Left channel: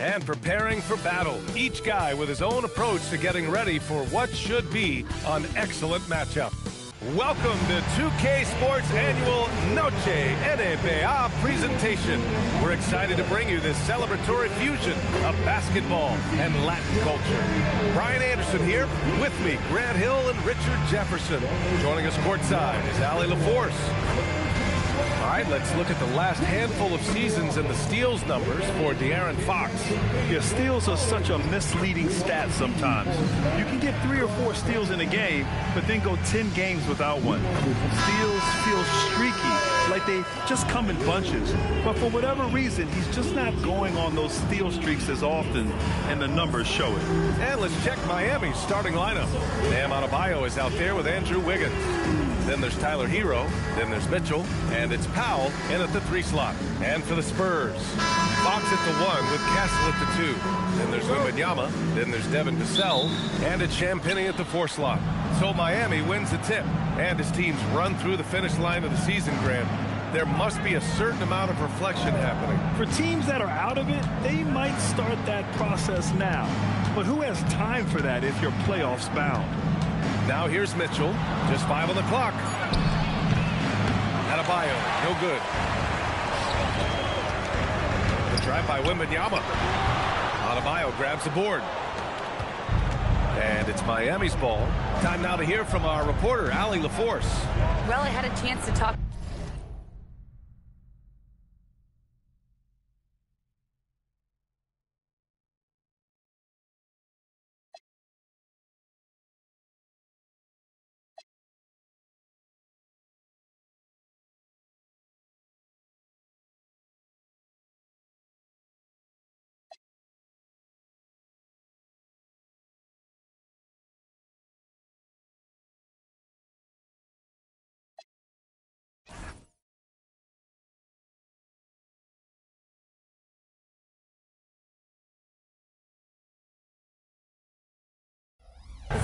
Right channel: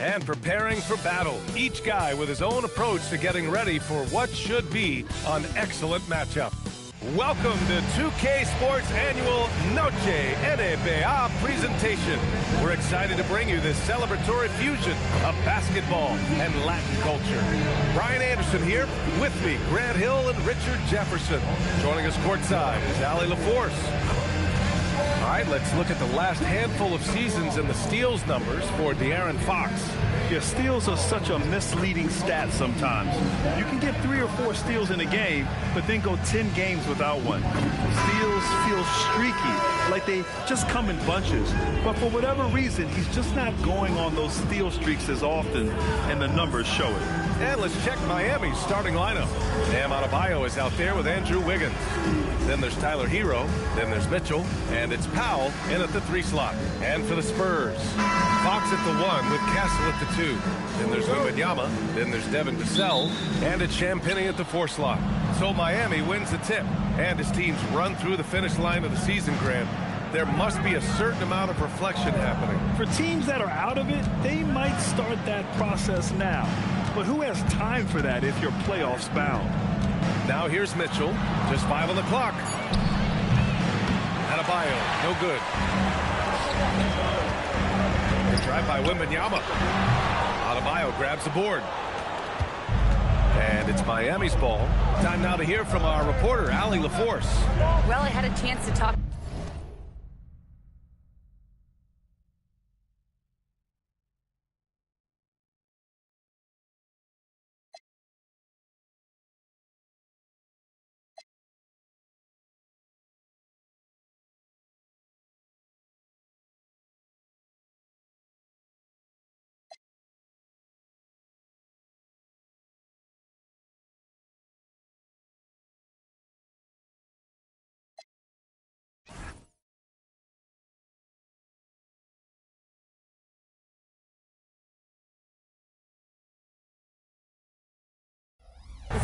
and preparing for battle. Each guy with his own approach to getting ready for what should be an excellent matchup. Welcome to 2K Sports Annual Noche NBA presentation. We're excited to bring you this celebratory fusion of basketball and Latin culture. Brian Anderson here, with me, Grant Hill and Richard Jefferson. Joining us courtside is Ali LaForce. All right, let's look at the last handful of seasons and the steals numbers for De'Aaron Fox. Yeah, steals are such a misleading stat sometimes. You can get 3 or 4 steals in a game, but then go 10 games without one. Steals feel streaky, like they just come in bunches. But for whatever reason, he's just not going on those steal streaks as often, and the numbers show it. And let's check Miami's starting lineup. Bam Adebayo is out there with Andrew Wiggins. Then there's Tyler Hero. Then there's Mitchell. And it's Powell in at the 3 slot. And for the Spurs, Fox at the 1 with Castle at the 2. Then there's Wembanyama. Then there's Devin Vassell. And it's Champagnie at the 4 slot. So Miami wins the tip. And his teams run through the finish line of the season, Grant. There must be a certain amount of reflection happening. For teams that are out of it, they might start that process now. But who has time for that if you're playoffs bound? Now here's Mitchell. Just 5 on the clock. Adebayo, no good. The drive by Wembanyama. Adebayo grabs the board. And it's Miami's ball. Time now to hear from our reporter, Ali LaForce. Well, I had a chance to talk.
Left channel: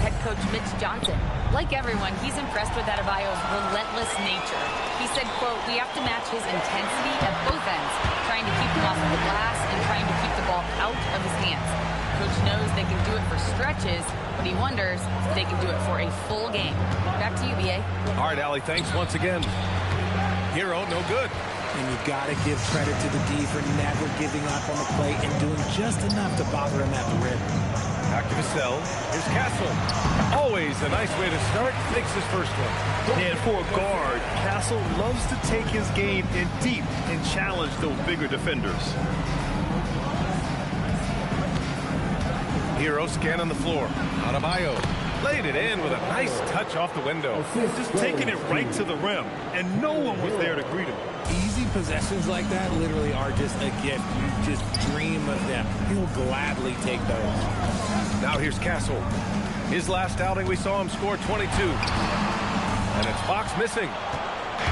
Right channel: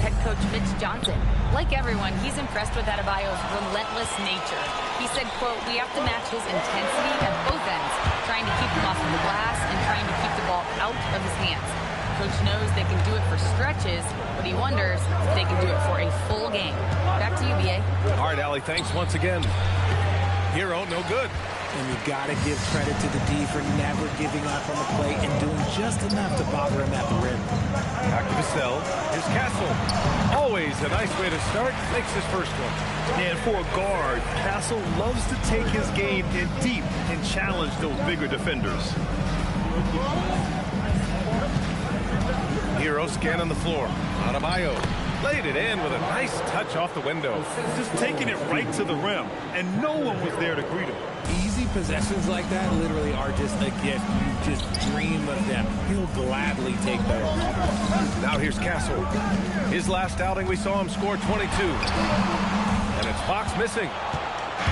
Head coach Mitch Johnson. Like everyone, he's impressed with Adebayo's relentless nature. He said, quote, "We have to match his intensity at both ends, trying to keep him off of the glass and trying to keep the ball out of his hands. Coach knows they can do it for stretches, but he wonders if they can do it for a full game." Back to you, B.A. All right, Ali, thanks once again. Hero, no good. And you got to give credit to the D for never giving up on the play and doing just enough to bother him at the rim. Back to Vassell. Here's Castle. Always a nice way to start. Makes his first one. And for a guard, Castle loves to take his game in deep and challenge those bigger defenders. Hero scanning the floor. Adebayo laid it in with a nice touch off the window. Just taking it right to the rim, and no one was there to greet him. Easy possessions like that literally are just a gift. You just dream of them. He'll gladly take those. Now here's Castle. His last outing, we saw him score 22. And it's Fox missing.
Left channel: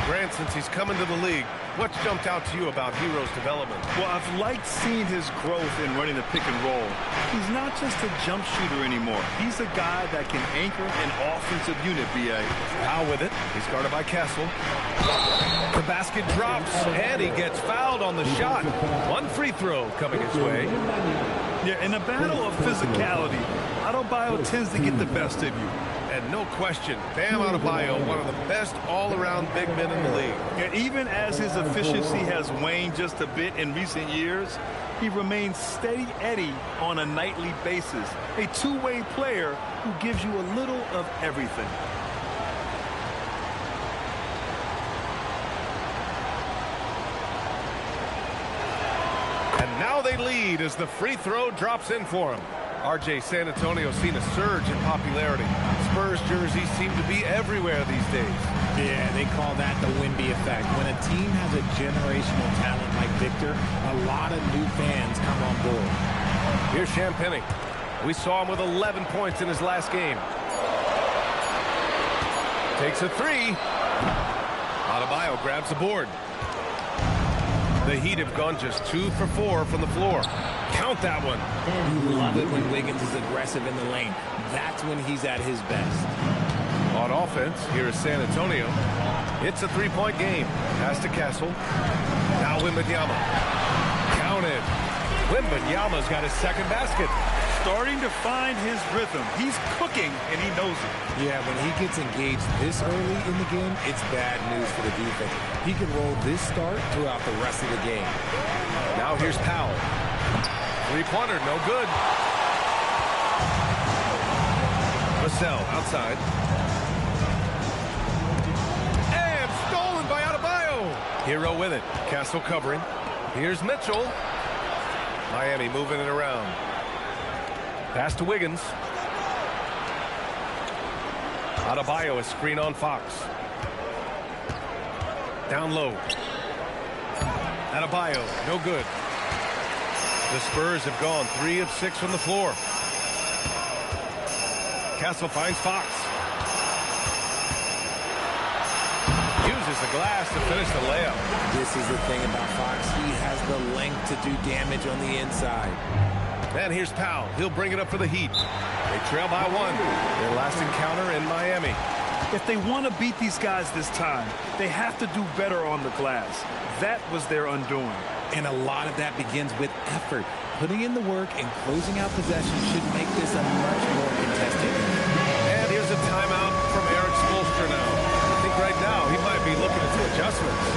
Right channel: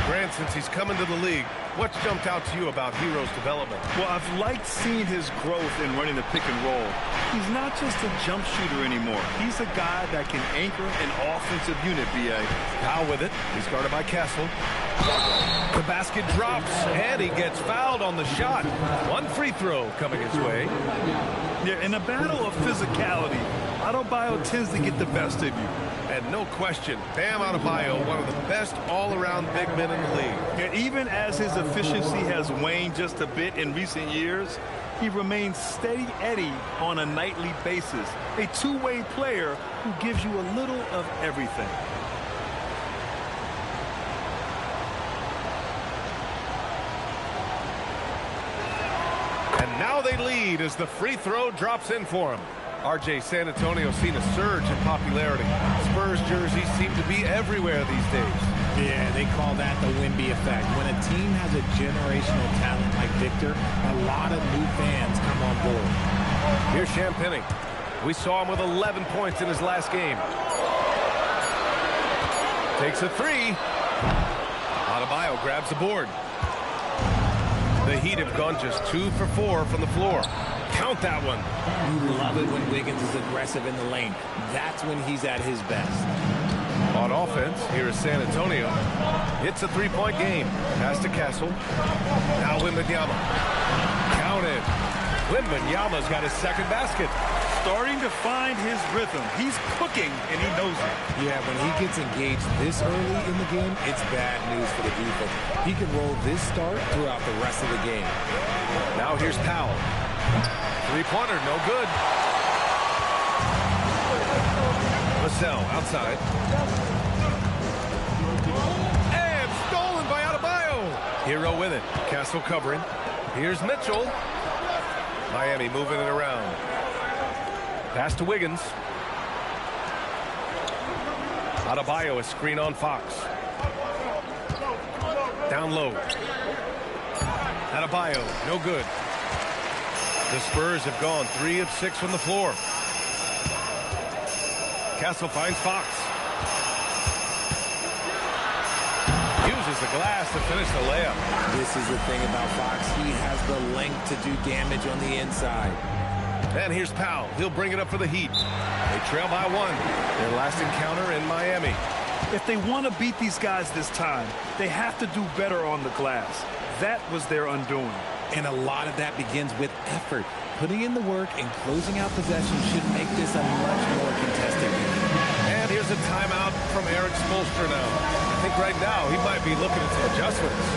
Grant, since he's come into the league, what's jumped out to you about Hero's development? Well, I've liked seeing his growth in running the pick and roll. He's not just a jump shooter anymore. He's a guy that can anchor an offensive unit, B.A. Powell with it. He's guarded by Castle. The basket drops, and he gets fouled on the shot. One free throw coming his way. Yeah, in a battle of physicality, Adebayo tends to get the best of you. And no question, Bam Adebayo, one of the best all-around big men in the league. Yeah, even as his efficiency has waned just a bit in recent years, he remains steady Eddie on a nightly basis. A two-way player who gives you a little of everything. And now they lead as the free throw drops in for him. RJ San Antonio's seen a surge in popularity. Spurs jerseys seem to be everywhere these days. Yeah, they call that the Wemby effect. When a team has a generational talent like Victor, a lot of new fans come on board. Here's Champagnie. We saw him with 11 points in his last game. Takes a 3. Adebayo grabs the board. The Heat have gone just 2 for 4 from the floor. Count that one. You love it when Wiggins is aggressive in the lane. That's when he's at his best. On offense, here is San Antonio. It's a three-point game. Pass to Castle. Now Wembanyama. Counted. Wembanyama's got his second basket. Starting to find his rhythm. He's cooking, and he knows it. Yeah, when he gets engaged this early in the game, it's bad news for the defense. He can roll this start throughout the rest of the game. Now here's Powell. Three-pointer, no good. Vassell outside. And stolen by Adebayo. Hero with it. Castle covering. Here's Mitchell. Miami moving it around. Pass to Wiggins. Adebayo, a screen on Fox. Down low. Adebayo, no good. The Spurs have gone 3 of 6 from the floor. Castle finds Fox. Uses the glass to finish the layup. This is the thing about Fox. He has the length to do damage on the inside. And here's Powell. He'll bring it up for the Heat. They trail by 1. Their last encounter in Miami. If they want to beat these guys this time, they have to do better on the glass. That was their undoing. And a lot of that begins with effort. Putting in the work and closing out possession should make this a much more contested game. And here's a timeout from Eric Spoelstra now. I think right now he might be looking at some adjustments.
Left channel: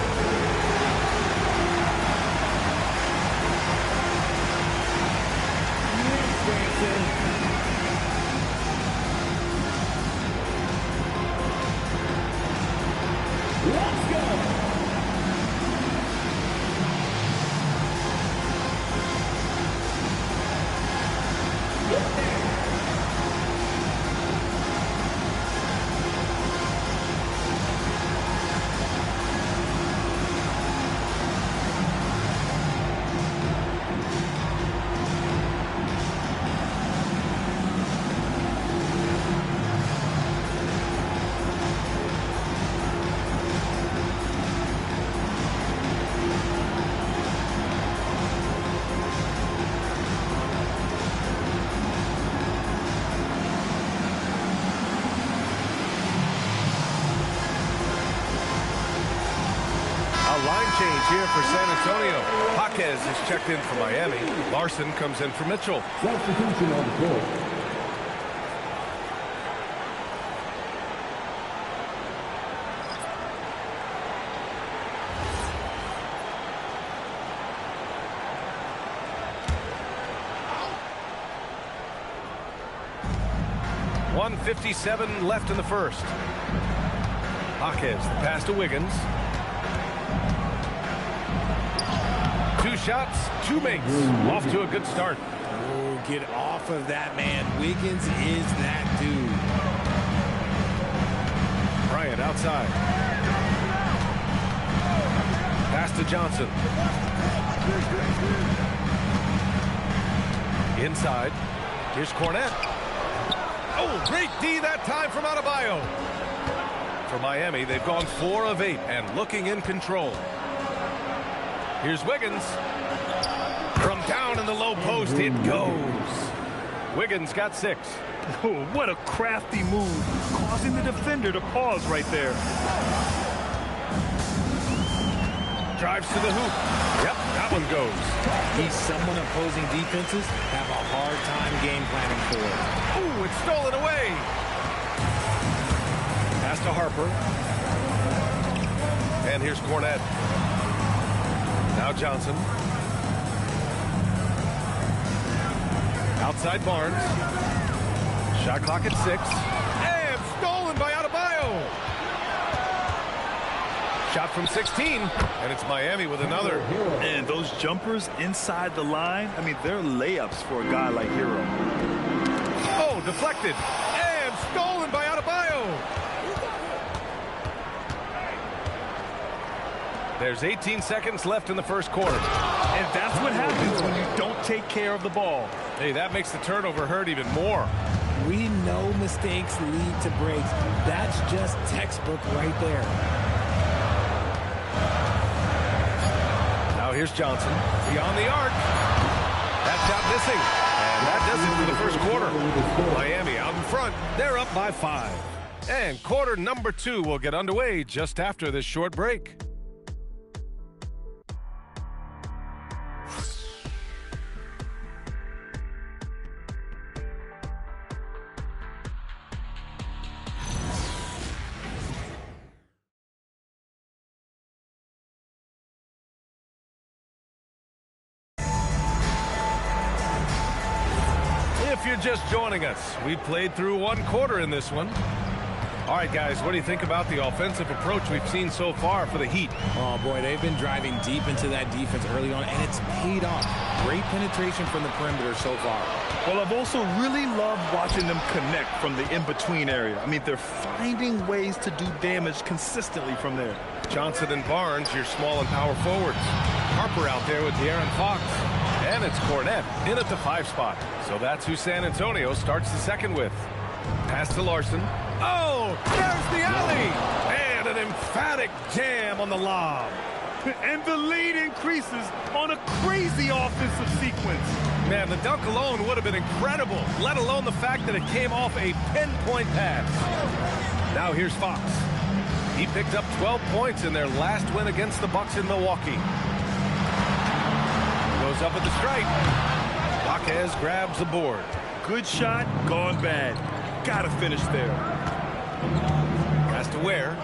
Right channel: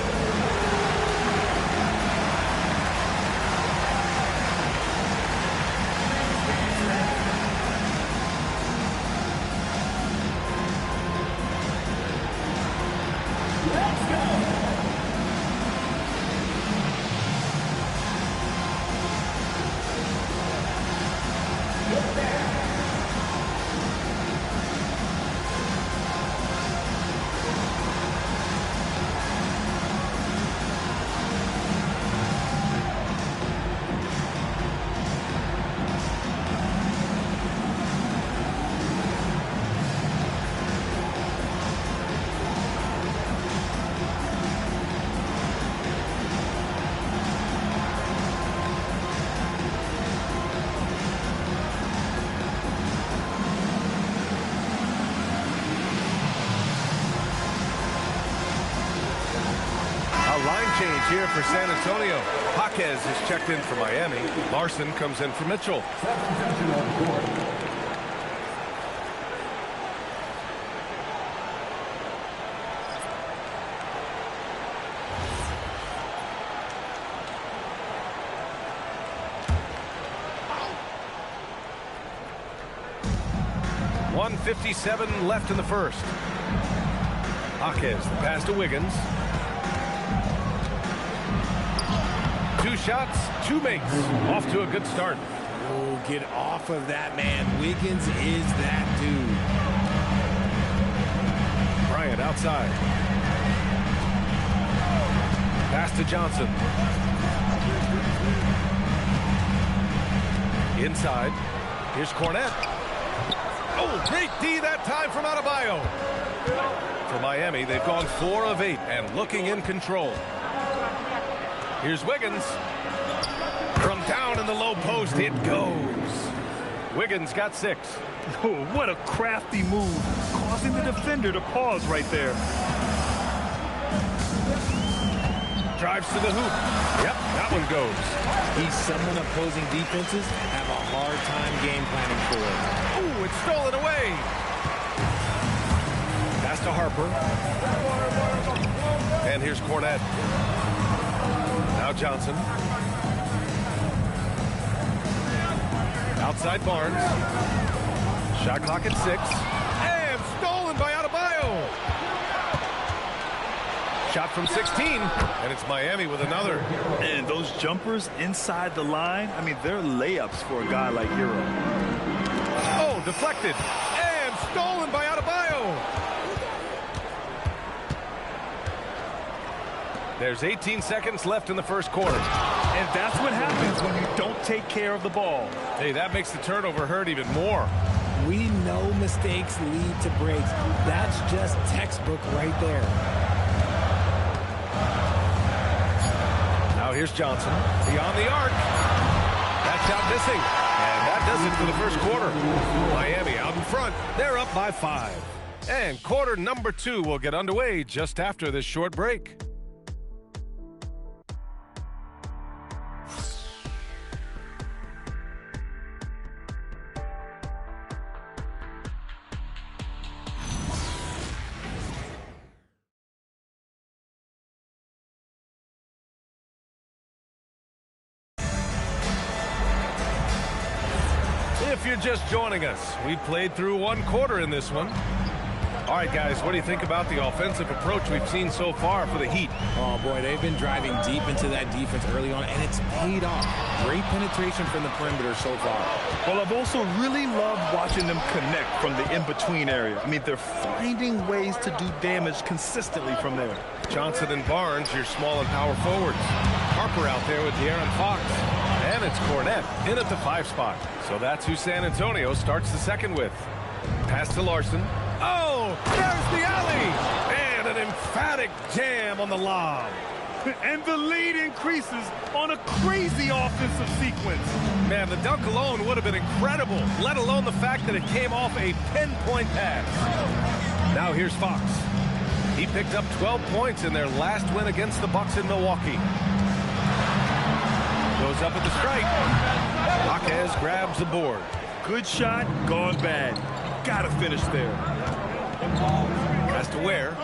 A line change here for San Antonio. Jaquez has checked in for Miami. Larson comes in for Mitchell. Substitution on the court. .157 left in the first. Jaquez, the pass to Wiggins. 2 shots, 2 makes. Off to a good start. Oh, get off of that, man. Wiggins is that dude. Bryant outside. Pass to Johnson. Inside. Here's Cornette. Oh, great D that time from Adebayo. For Miami, they've gone 4 of 8 and looking in control. Here's Wiggins. From down in the low post, it goes. Wiggins got 6. Oh, what a crafty move, causing the defender to pause right there. Drives to the hoop. Yep, that one goes. He's someone opposing defenses have a hard time game planning for. Oh, it's stolen away. Pass to Harper. And here's Cornette. Now Johnson. Outside Barnes. Shot clock at 6. And stolen by Adebayo. Shot from 16. And it's Miami with another. And those jumpers inside the line, I mean, they're layups for a guy like Hero. Oh, deflected. And stolen by Adebayo. There's 18 seconds left in the first quarter. And that's what happens when you don't take care of the ball. Hey, that makes the turnover hurt even more. We know mistakes lead to breaks. That's just textbook right there. Now here's Johnson. Beyond the arc. That shot missing. And that does it for the first quarter. Miami out in front. They're up by 5. And quarter number 2 will get underway just after this short break. if you're just joining us, we played through one quarter in this one. All right, guys, what do you think about the offensive approach we've seen so far for the Heat? Oh, boy, they've been driving deep into that defense early on, and it's paid off. Great penetration from the perimeter so far. Well, I've also really loved watching them connect from the in-between area. I mean, they're finding ways to do damage consistently from there. Johnson and Barnes, your small and power forwards. Harper out there with De'Aaron Fox. And it's Cornette in at the 5 spot. So that's who San Antonio starts the second with. Pass to Larson. Oh, there's the alley! And an emphatic jam on the lob. And the lead increases on a crazy offensive sequence. Man, the dunk alone would have been incredible, let alone the fact that it came off a pinpoint pass. Now here's Fox. He picked up 12 points in their last win against the Bucks in Milwaukee. Goes up at the stripe. Jaquez grabs the board. Good shot, gone bad. Gotta finish there. Has to Ware.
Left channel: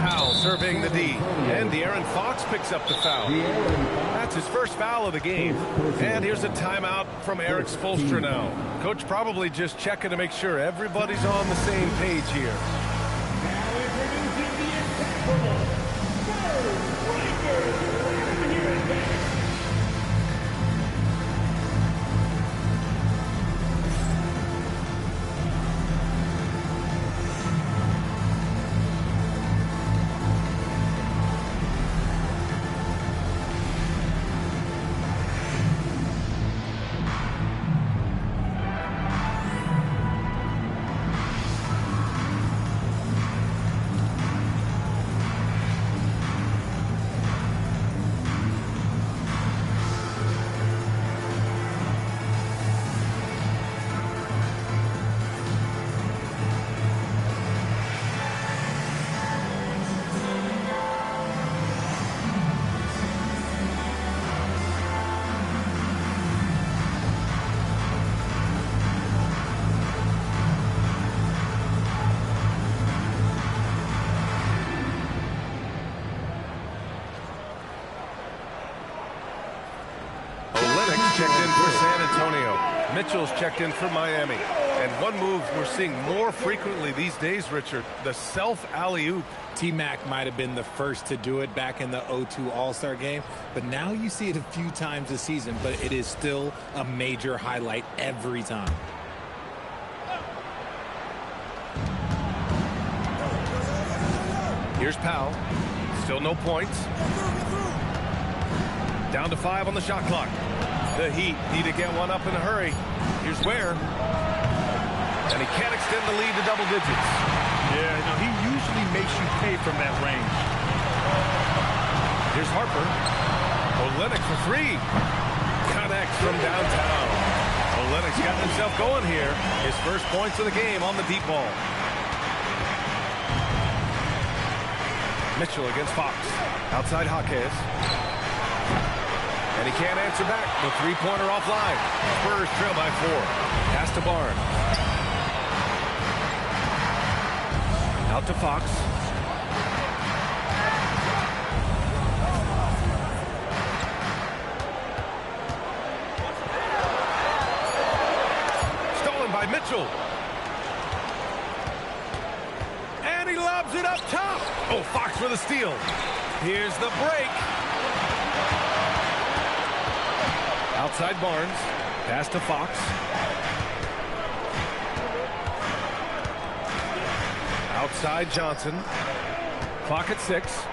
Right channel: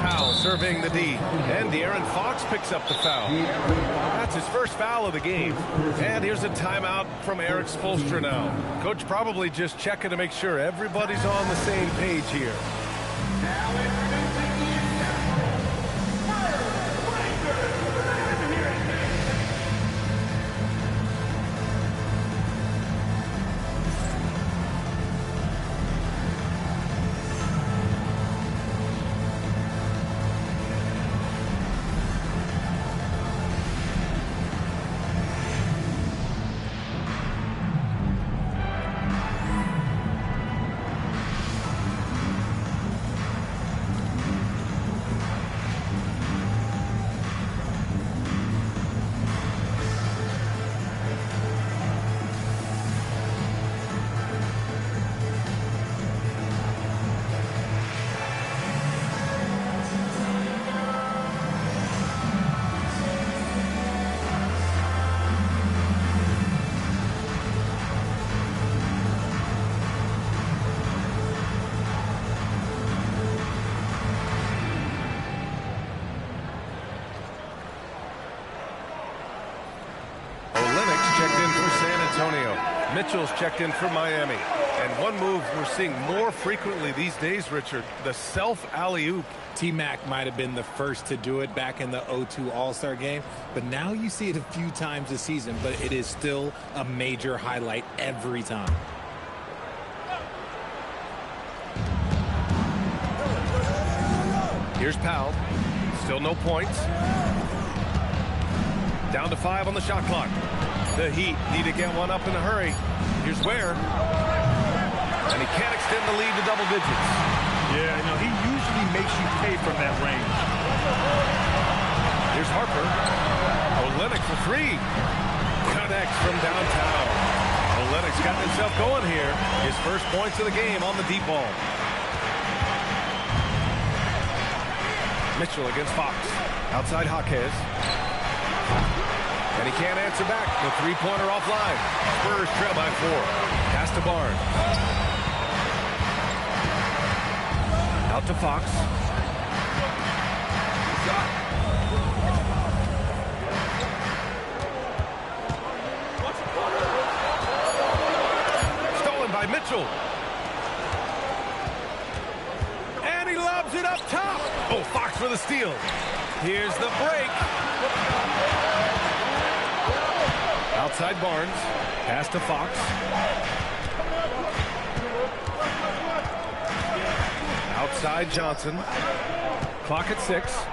Powell surveying the D. And De'Aaron Fox picks up the foul. That's his first foul of the game. And here's a timeout from Eric Spoelstra now. Coach probably just checking to make sure everybody's on the same page here. Checked in for San Antonio. Mitchell's checked in for Miami. And one move we're seeing more frequently these days, Richard, the self alley-oop. T-Mac might have been the first to do it back in the 0-2 All-Star game, but now you see it a few times this season, but it is still a major highlight every time. Here's Powell. Still no points. Down to 5 on the shot clock. The Heat need to get one up in a hurry. Here's Ware. And he can't extend the lead to double digits. Yeah, no, he usually makes you pay from that range. Here's Harper. Olynyk for 3. Connects from downtown. Olynyk's got himself going here. His first points of the game on the deep ball. Mitchell against Fox. Outside Jaquez. And he can't answer back. The three-pointer offline. Spurs trail by 4. Pass to Barnes. Out to Fox. Stolen by Mitchell. And he lobs it up top. Oh, Fox for the steal. Here's the break. Outside Barnes. Pass to Fox. Outside Johnson. Clock at 6.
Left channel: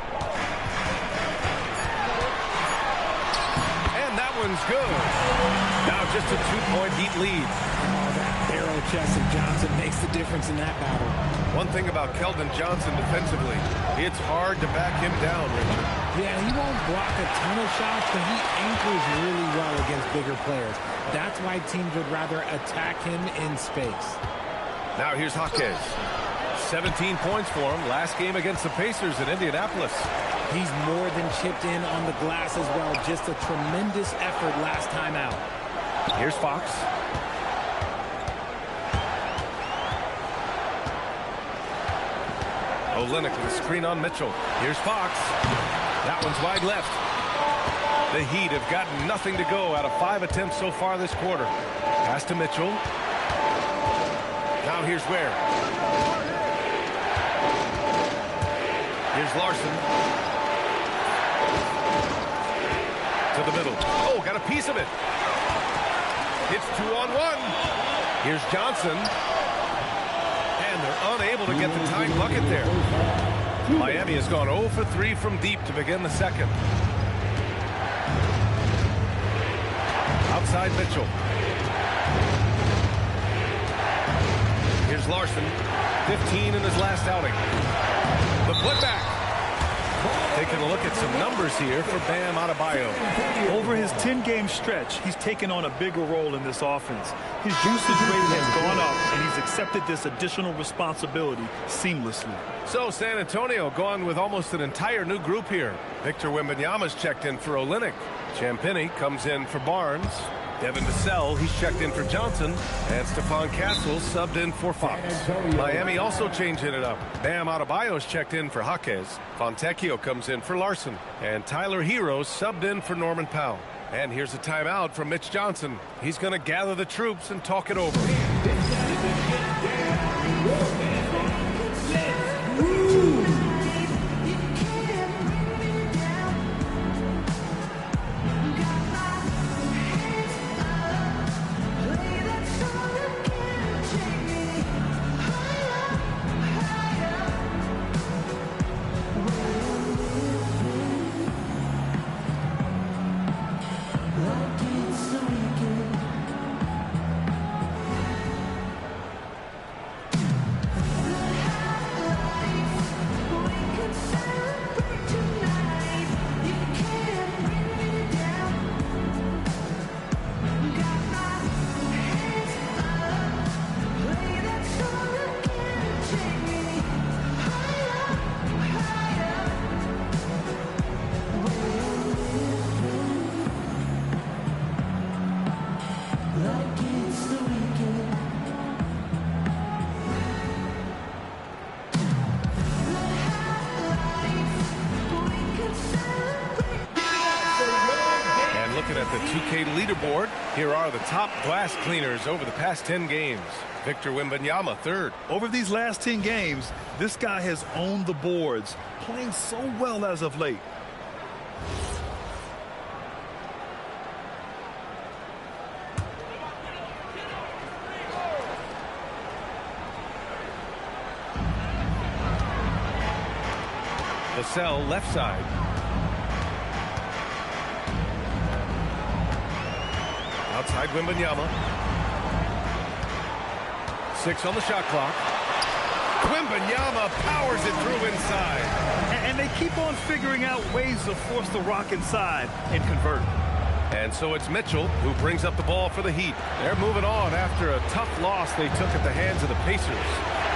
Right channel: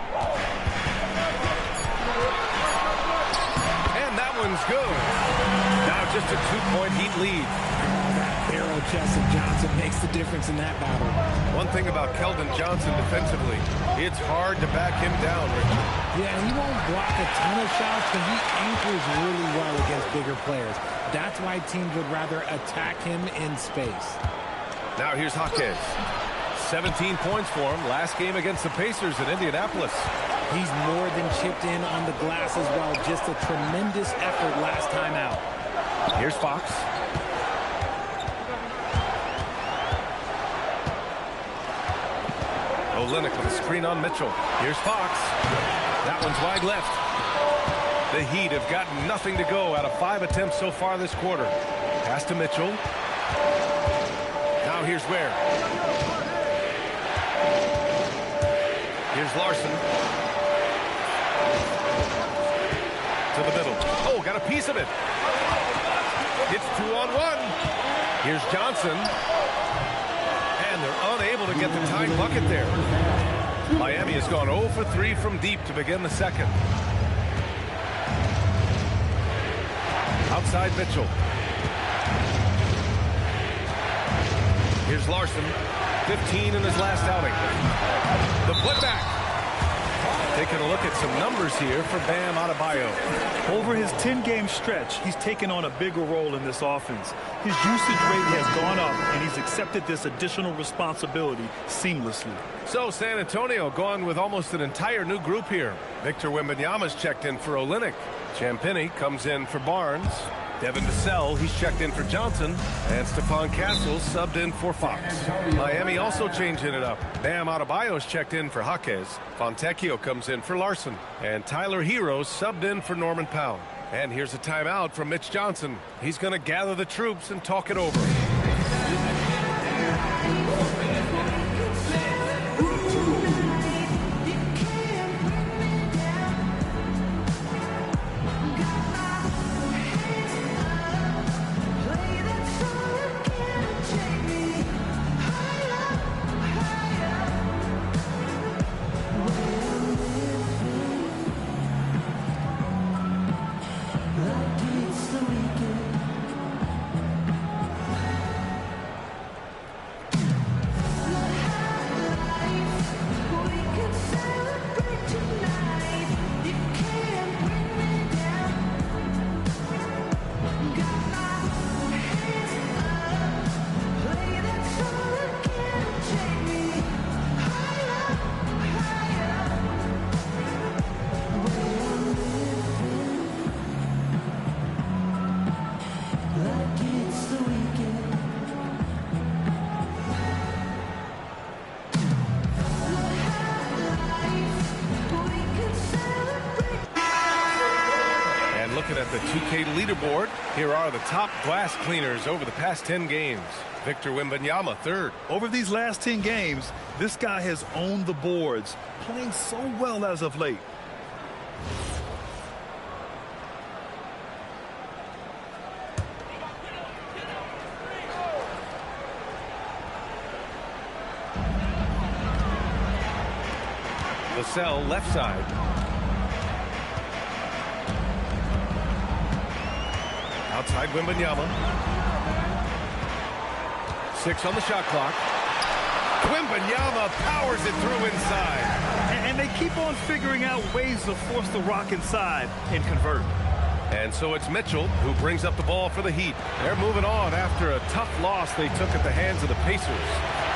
And that one's good. Now just a 2-point Heat lead. Oh, that barrel chest of Johnson makes the difference in that battle. One thing about Keldon Johnson defensively, it's hard to back him down, Richard. Yeah, he won't block a ton of shots, but he anchors really well against bigger players. That's why teams would rather attack him in space. Now here's Jaquez. 17 points for him last game against the Pacers in Indianapolis. He's more than chipped in on the glass as well. Just a tremendous effort last time out. Here's Fox. Olynyk with a screen on Mitchell. Here's Fox. That one's wide left. The Heat have gotten nothing to go out of 5 attempts so far this quarter. Pass to Mitchell. Now here's Ware. Here's Larson. To the middle. Oh, got a piece of it. It's 2-on-1. Here's Johnson. And they're unable to get the tying bucket there. Miami has gone 0 for 3 from deep to begin the second. Outside Mitchell. Here's Larson. 15 in his last outing. The putback. Taking a look at some numbers here for Bam Adebayo. Over his 10-game stretch, he's taken on a bigger role in this offense. His usage rate has gone up, and he's accepted this additional responsibility seamlessly. So San Antonio going with almost an entire new group here. Victor Wembanyama's checked in for Olynyk. Champagnie comes in for Barnes. Devin Vassell, he's checked in for Johnson. And Stephon Castle subbed in for Fox. Miami also changing it up. Bam Adebayo's checked in for Jaquez. Fontecchio comes in for Larson. And Tyler Herro subbed in for Norman Powell. And here's a timeout from Mitch Johnson. He's going to gather the troops and talk it over. Looking at the 2K leaderboard, here are the top glass cleaners over the past 10 games. Victor Wembanyama, third. Over these last 10 games, this guy has owned the boards, playing so well as of late. Vassell, left side. Outside Wembanyama. 6 on the shot clock. Wembanyama powers it through inside. And they keep on figuring out ways to force the rock inside and convert. And so it's Mitchell who brings up the ball for the Heat. They're moving on after a tough loss they took at the hands of the Pacers.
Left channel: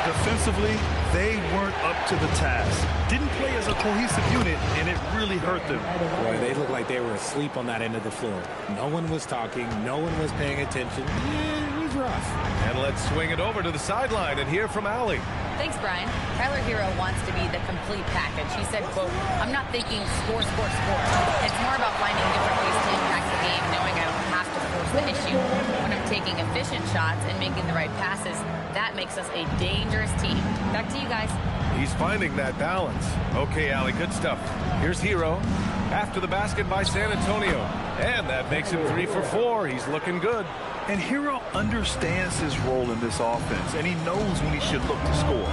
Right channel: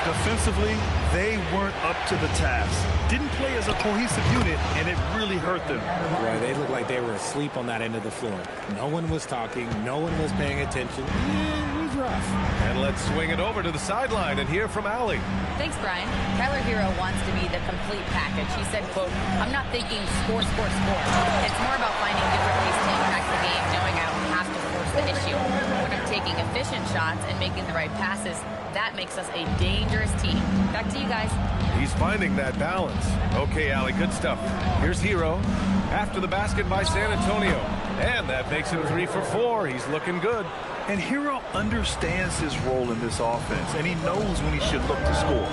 Defensively, they weren't up to the task. Didn't play as a cohesive unit, and it really hurt them. Boy, they looked like they were asleep on that end of the floor. No one was talking. No one was paying attention. Yeah, it was rough. And let's swing it over to the sideline and hear from Allie. Thanks, Brian. Tyler Herro wants to be the complete package. He said, quote, "I'm not thinking score, score, score. It's more about finding different ways to impact the game, knowing I don't have to force the issue. When I'm taking efficient shots and making the right passes, that makes us a dangerous team." Back to you guys. He's finding that balance. Okay, Allie, good stuff. Here's Herro after the basket by San Antonio. And that makes him 3 for 4. He's looking good. And Herro understands his role in this offense, and he knows when he should look to score.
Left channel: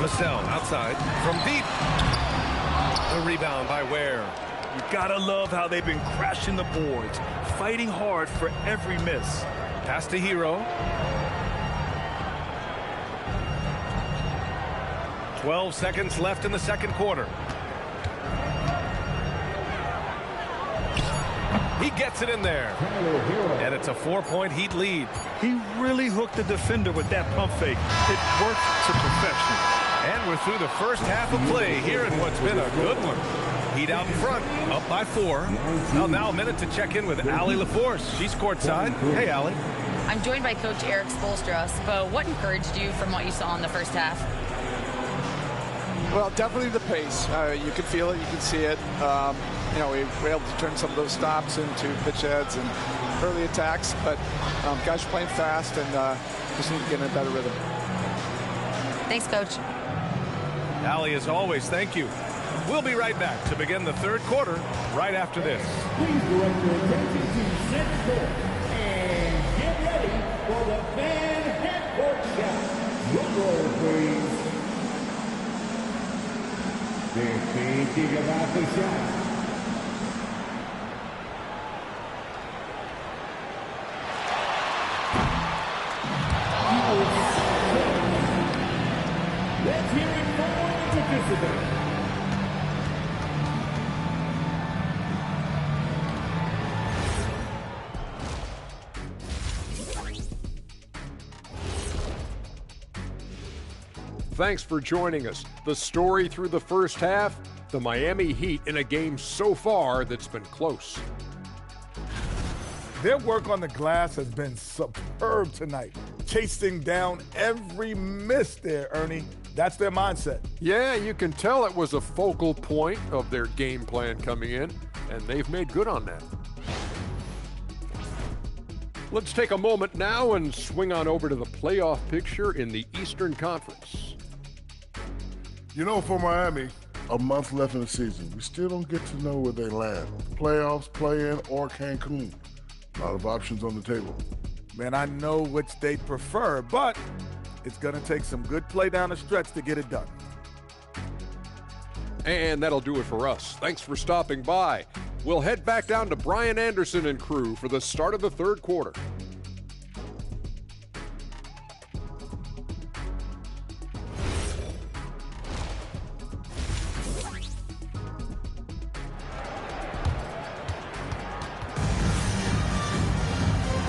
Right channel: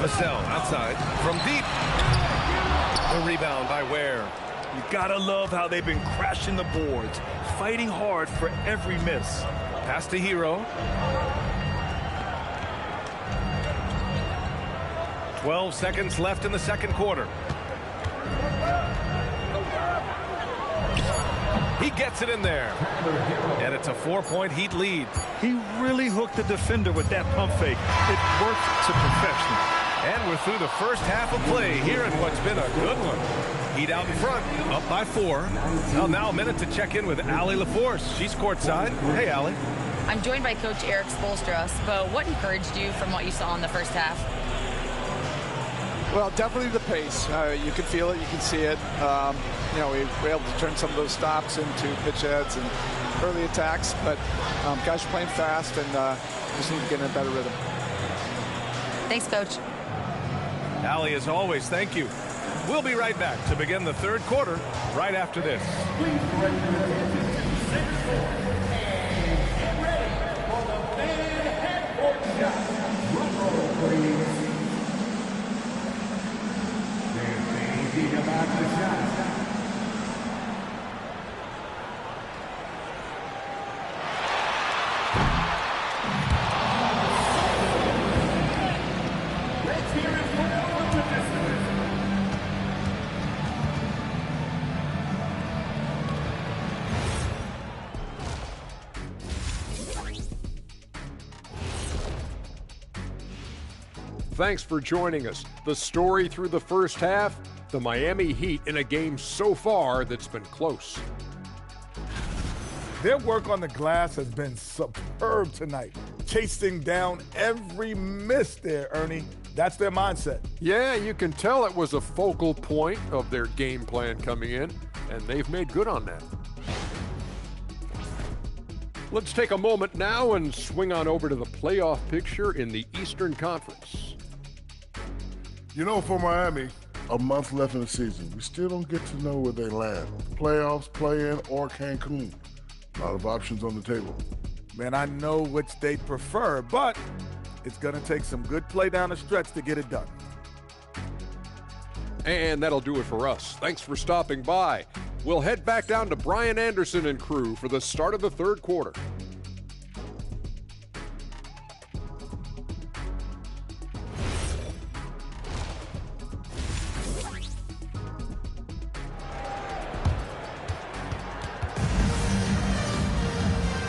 Vassell outside from deep. The rebound by Ware. You gotta love how they've been crashing the boards, fighting hard for every miss. Pass to Herro. 12 seconds left in the second quarter. He gets it in there. And it's a 4-point Heat lead. He really hooked the defender with that pump fake. It worked to perfection. And we're through the first half of play here in what's been a good one. Heat out in front, up by 4. Now a minute to check in with Allie LaForce. She's courtside. Hey, Allie. I'm joined by Coach Eric Spoelstra. But what encouraged you from what you saw in the first half? Well, definitely the pace. You can feel it. You can see it. we were able to turn some of those stops into pitch heads and early attacks. But guys are playing fast and just need to get in a better rhythm. Thanks, Coach. Allie, as always, thank you. We'll be right back to begin the third quarter right after this. Please direct your attention to center court and get ready for the fan half-court shot. Drum roll, please. They're thinking about the shot. Let's hear it for the participants. Thanks for joining us. The story through the first half, the Miami Heat in a game so far that's been close. Their work on the glass has been superb tonight. Chasing down every miss there, Ernie. That's their mindset. Yeah, you can tell it was a focal point of their game plan coming in, and they've made good on that. Let's take a moment now and swing on over to the playoff picture in the Eastern Conference. You know, for Miami, a month left in the season. We still don't get to know where they land. Playoffs, play-in, or Cancun. A lot of options on the table. Man, I know which they prefer, but it's going to take some good play down the stretch to get it done. And that'll do it for us. Thanks for stopping by. We'll head back down to Brian Anderson and crew for the start of the third quarter.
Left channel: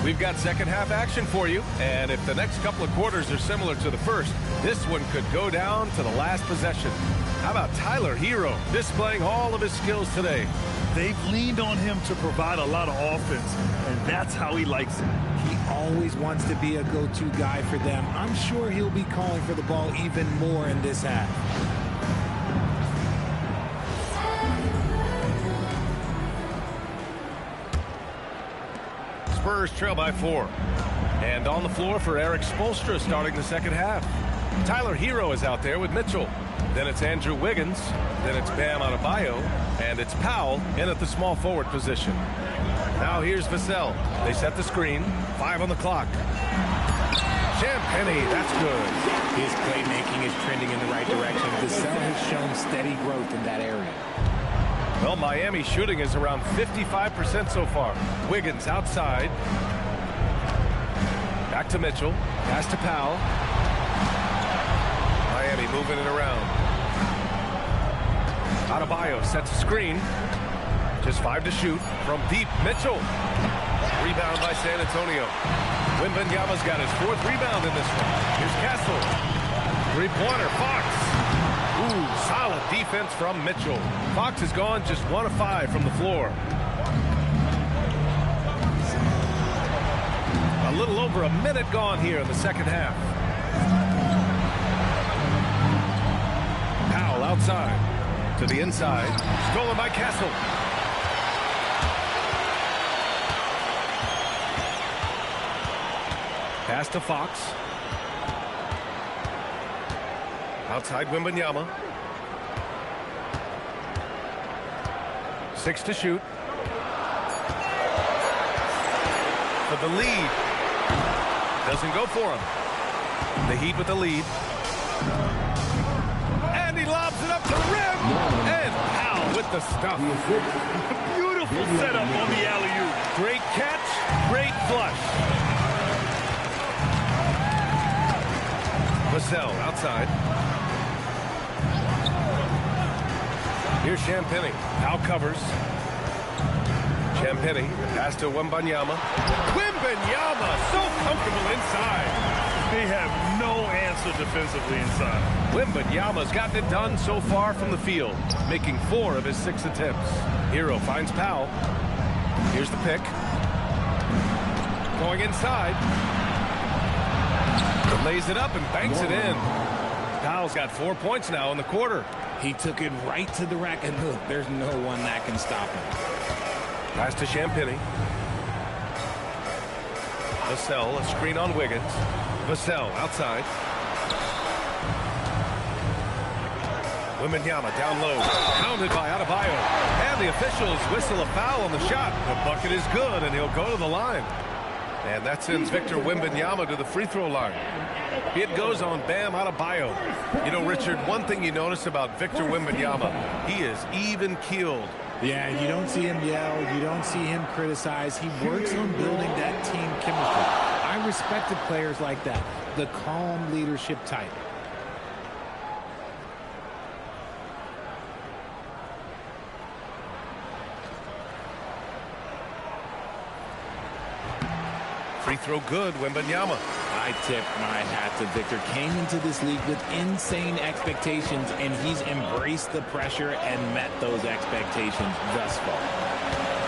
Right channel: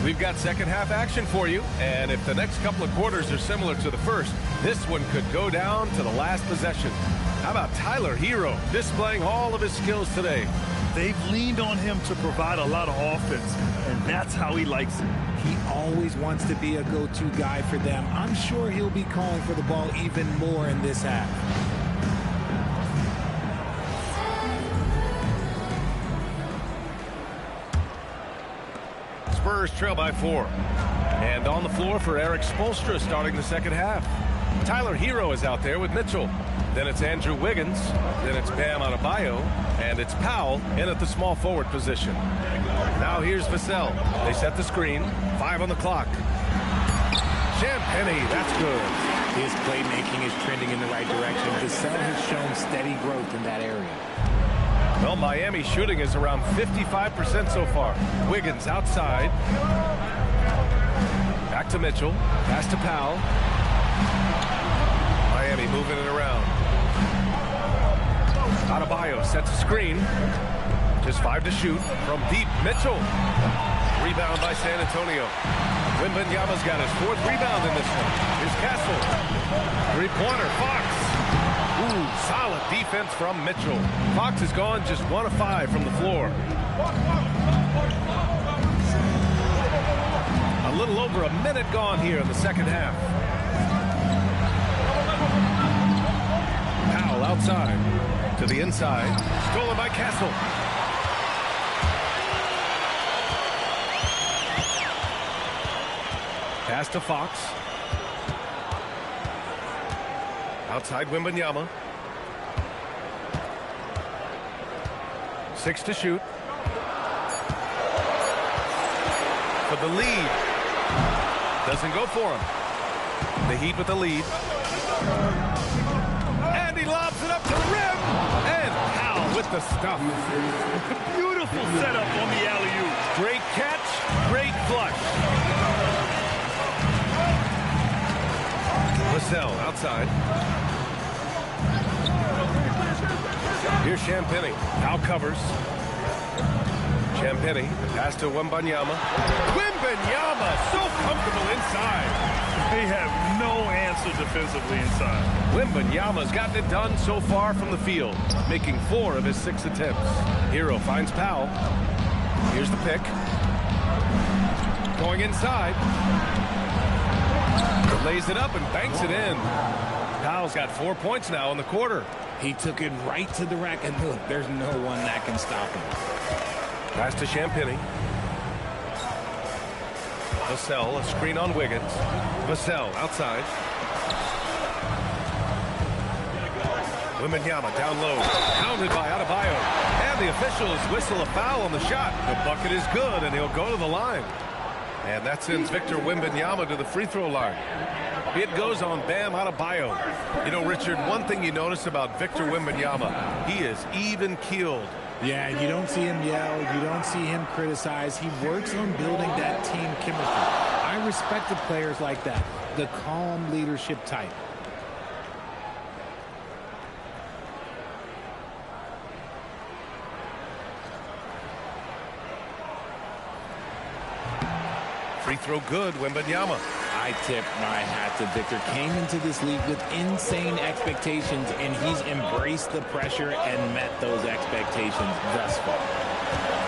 We've got second half action for you, and if the next couple of quarters are similar to the first, this one could go down to the last possession. How about Tyler Hero displaying all of his skills today? They've leaned on him to provide a lot of offense, and that's how he likes it. He always wants to be a go-to guy for them. I'm sure he'll be calling for the ball even more in this half. Spurs trail by 4. And on the floor for Eric Spoelstra starting the second half. Tyler Hero is out there with Mitchell. Then it's Andrew Wiggins. Then it's Bam Adebayo. And it's Powell in at the small forward position. Now here's Vassell. They set the screen. 5 on the clock. Champagnie, that's good. His playmaking is trending in the right direction. Vassell has shown steady growth in that area. Well, Miami shooting is around 55% so far. Wiggins outside. Back to Mitchell. Pass to Powell. Miami moving it around. Adebayo sets a screen. Just 5 to shoot. From deep, Mitchell. Rebound by San Antonio. Wembanyama's got his 4th rebound in this one. Here's Castle. Three-pointer, Fox. Ooh, solid defense from Mitchell. Fox has gone just 1 of 5 from the floor. A little over a minute gone here in the second half. Powell outside to the inside. Stolen by Castle. Pass to Fox. Outside Wembanyama. 6 to shoot. For the lead. Doesn't go for him. The Heat with the lead. And he lobs it up to the rim. And Powell with the stuff. Beautiful setup on the alley-oop. Great catch, great flush. Vassell outside. Here's Champagnie. Powell covers. Champagnie, pass to Wembanyama. Wembanyama, so comfortable inside. They have no answer defensively inside. Wembanyama's gotten it done so far from the field, making 4 of his 6 attempts. Hero finds Powell. Here's the pick. Going inside. Lays it up and banks it in. Powell's got 4 points now in the quarter. He took it right to the rack, and look, there's no one that can stop him. Pass to Champagnie. Vassell, a screen on Wiggins. Vassell outside. Wembanyama down low, pounded by Adebayo. And the officials whistle a foul on the shot. The bucket is good, and he'll go to the line. And that sends Victor Wembanyama to the free throw line. It goes on Bam Adebayo. You know, Richard, one thing you notice about Victor Wembanyama, he is even-keeled. Yeah, you don't see him yell. You don't see him criticize. He works on building that team chemistry. I respected players like that, the calm leadership type. Free throw good, Wembanyama. I tip my hat to Victor. Came into this league with insane expectations, and he's embraced the pressure and met those expectations thus far.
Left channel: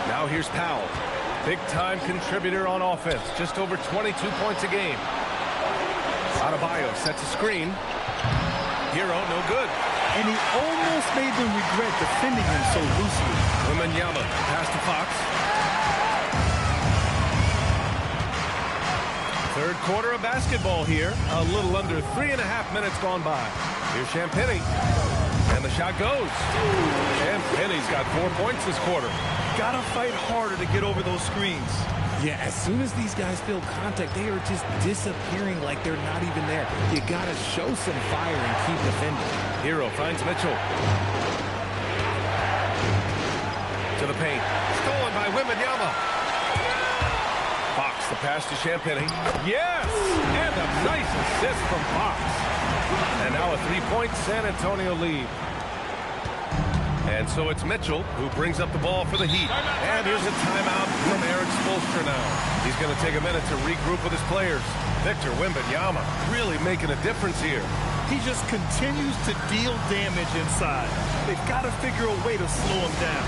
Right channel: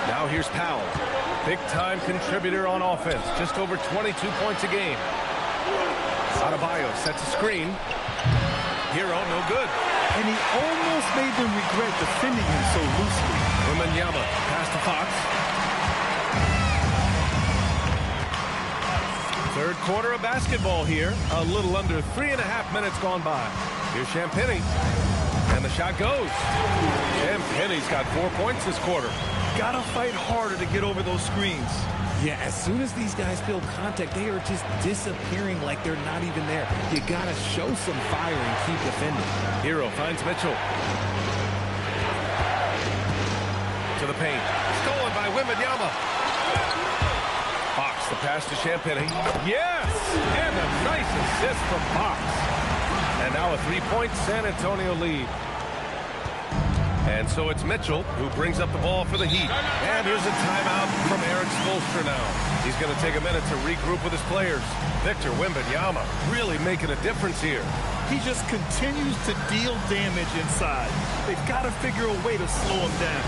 Now here's Powell. Big-time contributor on offense. Just over 22 points a game. Adebayo sets a screen. Hero, no good. And he almost made them regret defending him so loosely. Wembanyama pass to Fox. Third quarter of basketball here. A little under 3.5 minutes gone by. Here's Champagnie. And the shot goes. Champagnie's got 4 points this quarter. Gotta fight harder to get over those screens. Yeah, as soon as these guys feel contact, they are just disappearing like they're not even there. You gotta show some fire and keep defending. Hero finds Mitchell. To the paint. Stolen by Wembanyama. Fox, the pass to Champagnie. Yes! And a nice assist from Fox. And now a 3-point San Antonio lead. And so it's Mitchell who brings up the ball for the Heat. And here's a timeout from Eric Spoelstra now. He's going to take a minute to regroup with his players. Victor Wembanyama really making a difference here. He just continues to deal damage inside. They've got to figure a way to slow him down.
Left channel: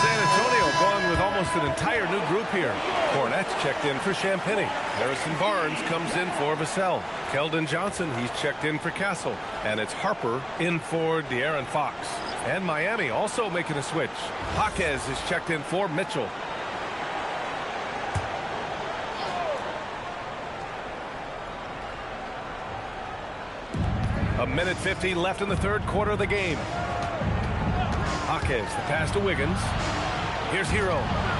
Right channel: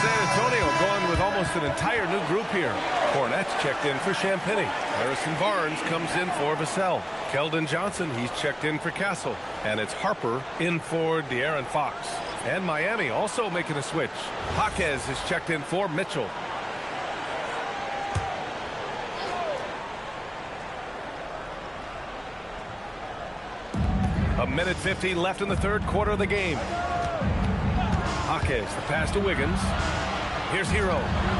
San Antonio going with almost an entire new group here. Cornette's checked in for Champagnie. Harrison Barnes comes in for Vassell. Keldon Johnson, he's checked in for Castle. And it's Harper in for De'Aaron Fox. And Miami also making a switch. Jaquez is checked in for Mitchell. A minute 50 left in the third quarter of the game. Jaquez, the pass to Wiggins. Here's Hero.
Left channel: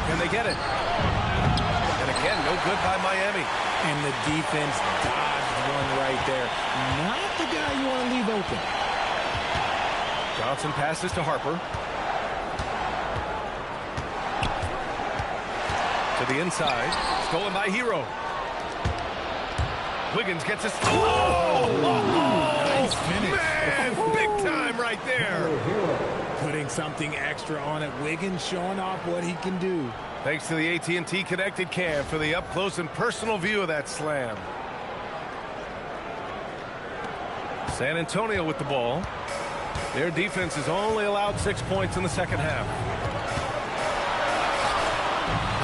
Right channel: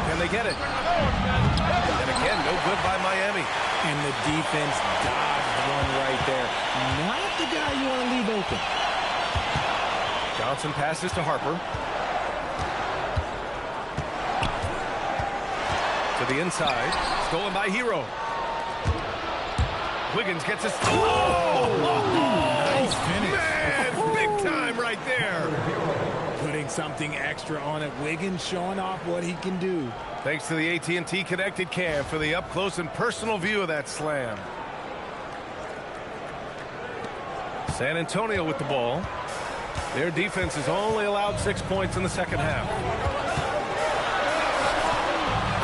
Can they get it? And again, no good by Miami. And the defense dodged one right there. Not the guy you want to leave open. Johnson passes to Harper. To the inside. Stolen by Hero. Wiggins gets a steal. Nice finish. Man, big time right there. Putting something extra on it. Wiggins showing off what he can do. Thanks to the AT&T Connected Cam for the up-close and personal view of that slam. San Antonio with the ball. Their defense has only allowed 6 points in the second half.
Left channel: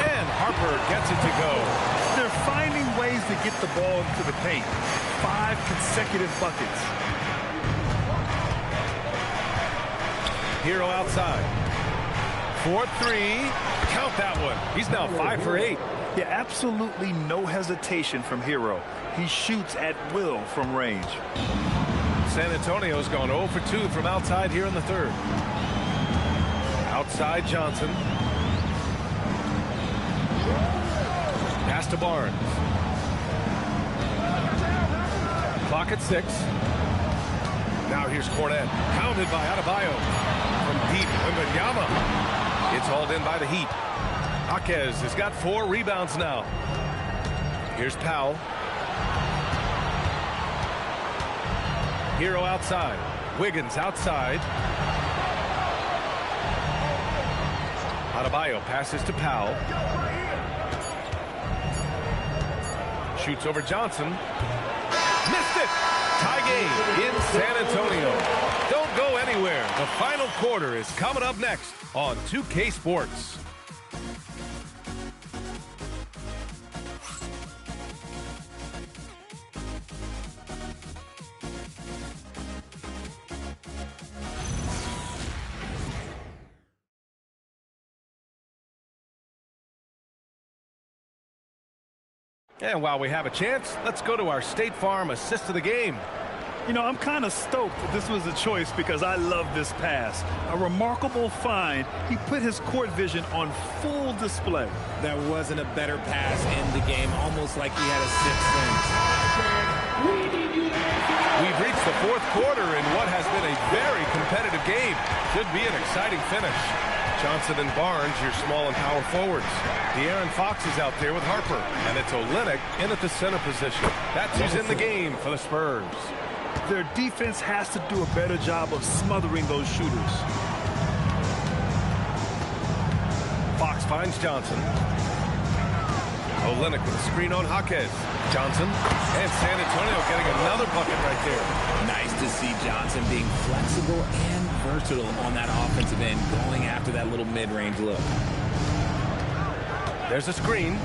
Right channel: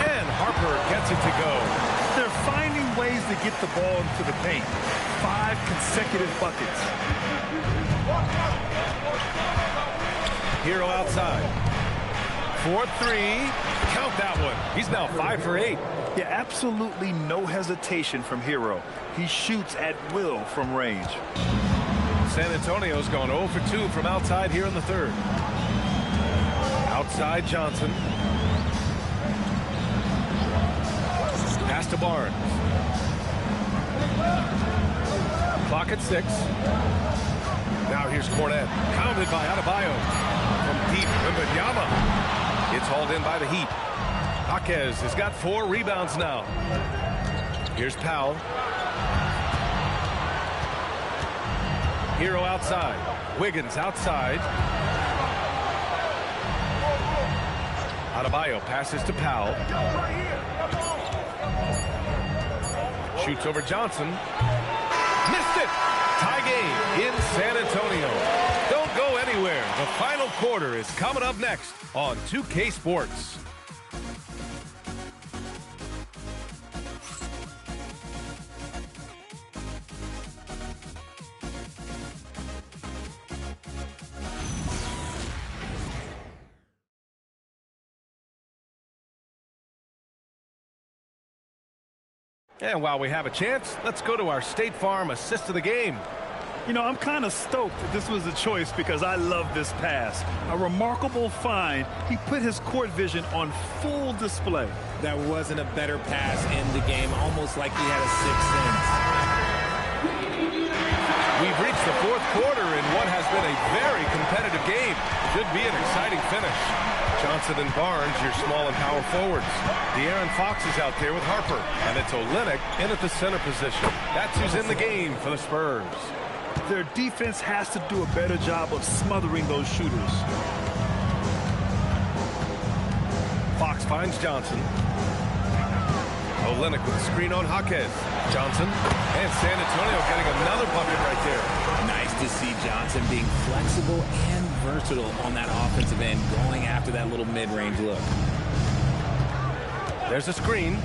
And Harper gets it to go. They're finding ways to get the ball into the paint. 5 consecutive buckets. Hero outside. 4-3. Count that one. He's now 5 for 8. Yeah, absolutely no hesitation from Hero. He shoots at will from range. San Antonio's gone 0 for 2 from outside here in the third. Outside Johnson. Pass to Barnes. Clock at 6. Now here's Cornet. Pounded by Adebayo. From deep, Wembanyama. It's hauled in by the Heat. Jaquez has got 4 rebounds now. Here's Powell. Hero outside. Wiggins outside. Adebayo passes to Powell. Shoots over Johnson. Missed it! Tie game in San Antonio. Don't go anywhere. The final quarter is coming up next on 2K Sports. And while we have a chance, let's go to our State Farm assist of the game. You know, I'm kind of stoked that this was a choice because I love this pass. A remarkable find. He put his court vision on full display. That wasn't a better pass in the game, almost like he had a sixth sense. We've reached the fourth quarter in what has been a very competitive game. Should be an exciting finish. Johnson and Barnes, your small and power forwards. De'Aaron Fox is out there with Harper, and it's Olynyk in at the center position. That's who's in the game for the Spurs. Their defense has to do a better job of smothering those shooters. Fox finds Johnson. Olynyk with a screen on Jaquez. Johnson and San Antonio getting another bucket right there. Nice to see Johnson being flexible and versatile on that offensive end, going after that little mid-range look. There's a screen.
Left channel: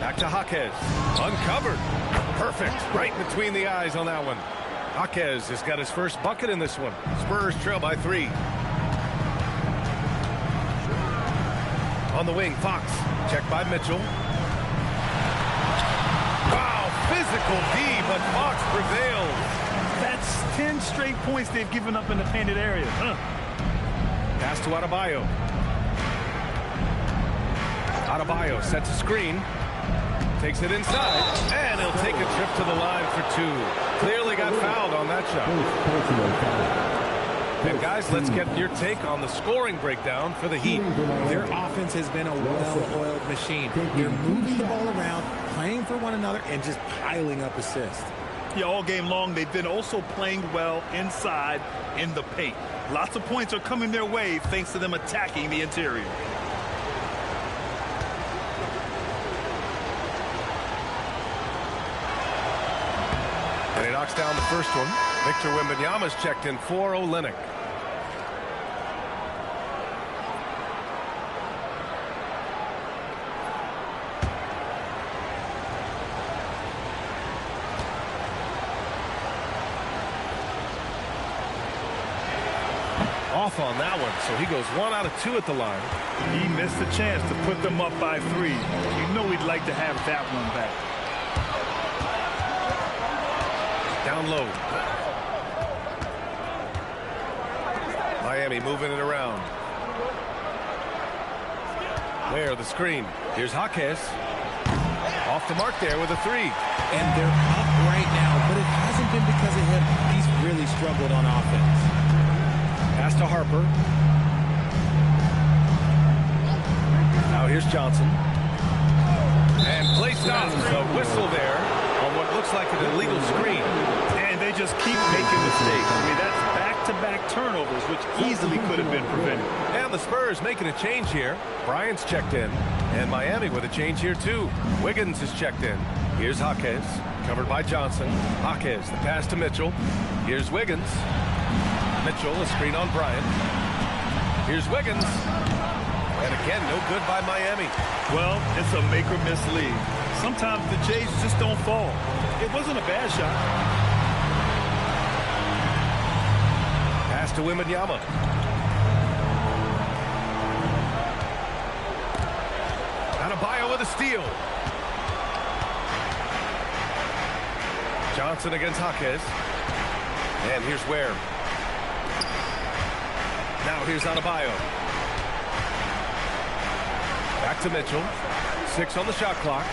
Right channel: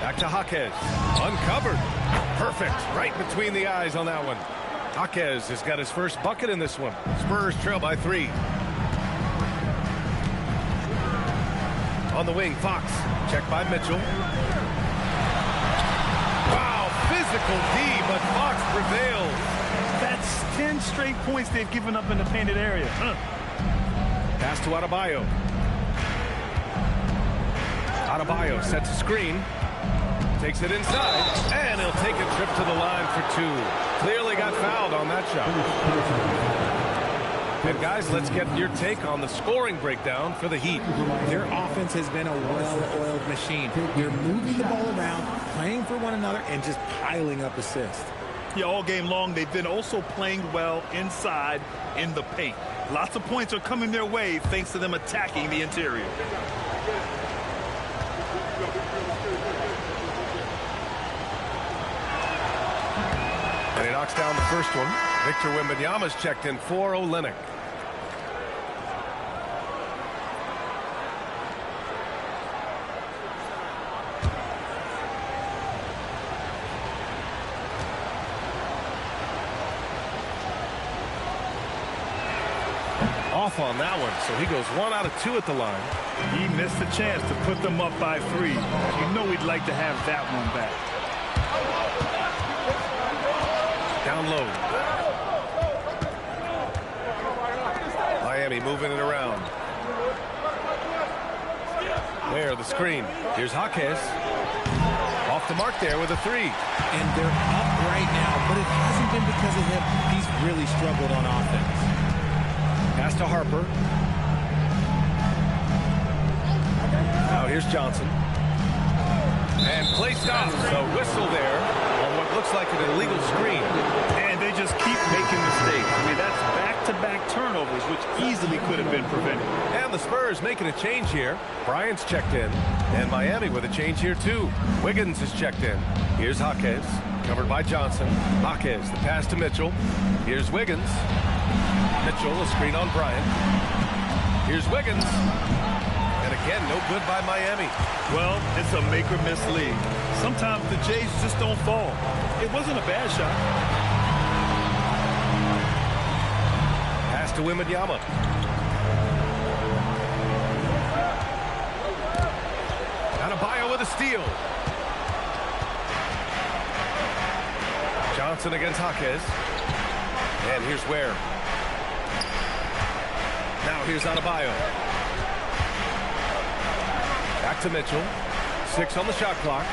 Back to Jaquez. Uncovered. Perfect. Right between the eyes on that one. Jaquez has got his first bucket in this one. Spurs trail by 3. On the wing, Fox. Checked by Mitchell. Wow, physical D, but Fox prevails. That's 10 straight points they've given up in the painted area. Pass to Adebayo. Adebayo sets a screen. Takes it inside, and he'll take a trip to the line for 2. Clearly got fouled on that shot. And guys, let's get your take on the scoring breakdown for the Heat. Their offense has been a well-oiled machine. They're moving the ball around, playing for one another, and just piling up assists. Yeah, all game long, they've been also playing well inside in the paint. Lots of points are coming their way thanks to them attacking the interior. And he knocks down the first one. Victor Wembanyama's checked in for Olynyk. Off on that one, so he goes 1 out of 2 at the line. He missed a chance to put them up by 3. You know he'd like to have that one back. Down low. Miami moving it around. There, the screen. Here's Jaquez. Off the mark there with a 3. And they're up right now, but it hasn't been because of him. He's really struggled on offense. Pass to Harper. Now here's Johnson. And play stops. A whistle there on what looks like an illegal screen. And they just keep making mistakes. I mean, that's back-to-back turnovers, which easily could have been prevented. And the Spurs making a change here. Bryant's checked in. And Miami with a change here, too. Wiggins is checked in. Here's Jaquez. Covered by Johnson. Jaquez, the pass to Mitchell. Here's Wiggins. Mitchell, a screen on Bryant. Here's Wiggins. And again, no good by Miami. Well, it's a make-or-miss league. Sometimes the Jays just don't fall. It wasn't a bad shot. Pass to Wembanyama. Adebayo with a steal. Johnson against Jaquez. And here's Ware. Now here's Adebayo. Back to Mitchell. 6 on the shot clock.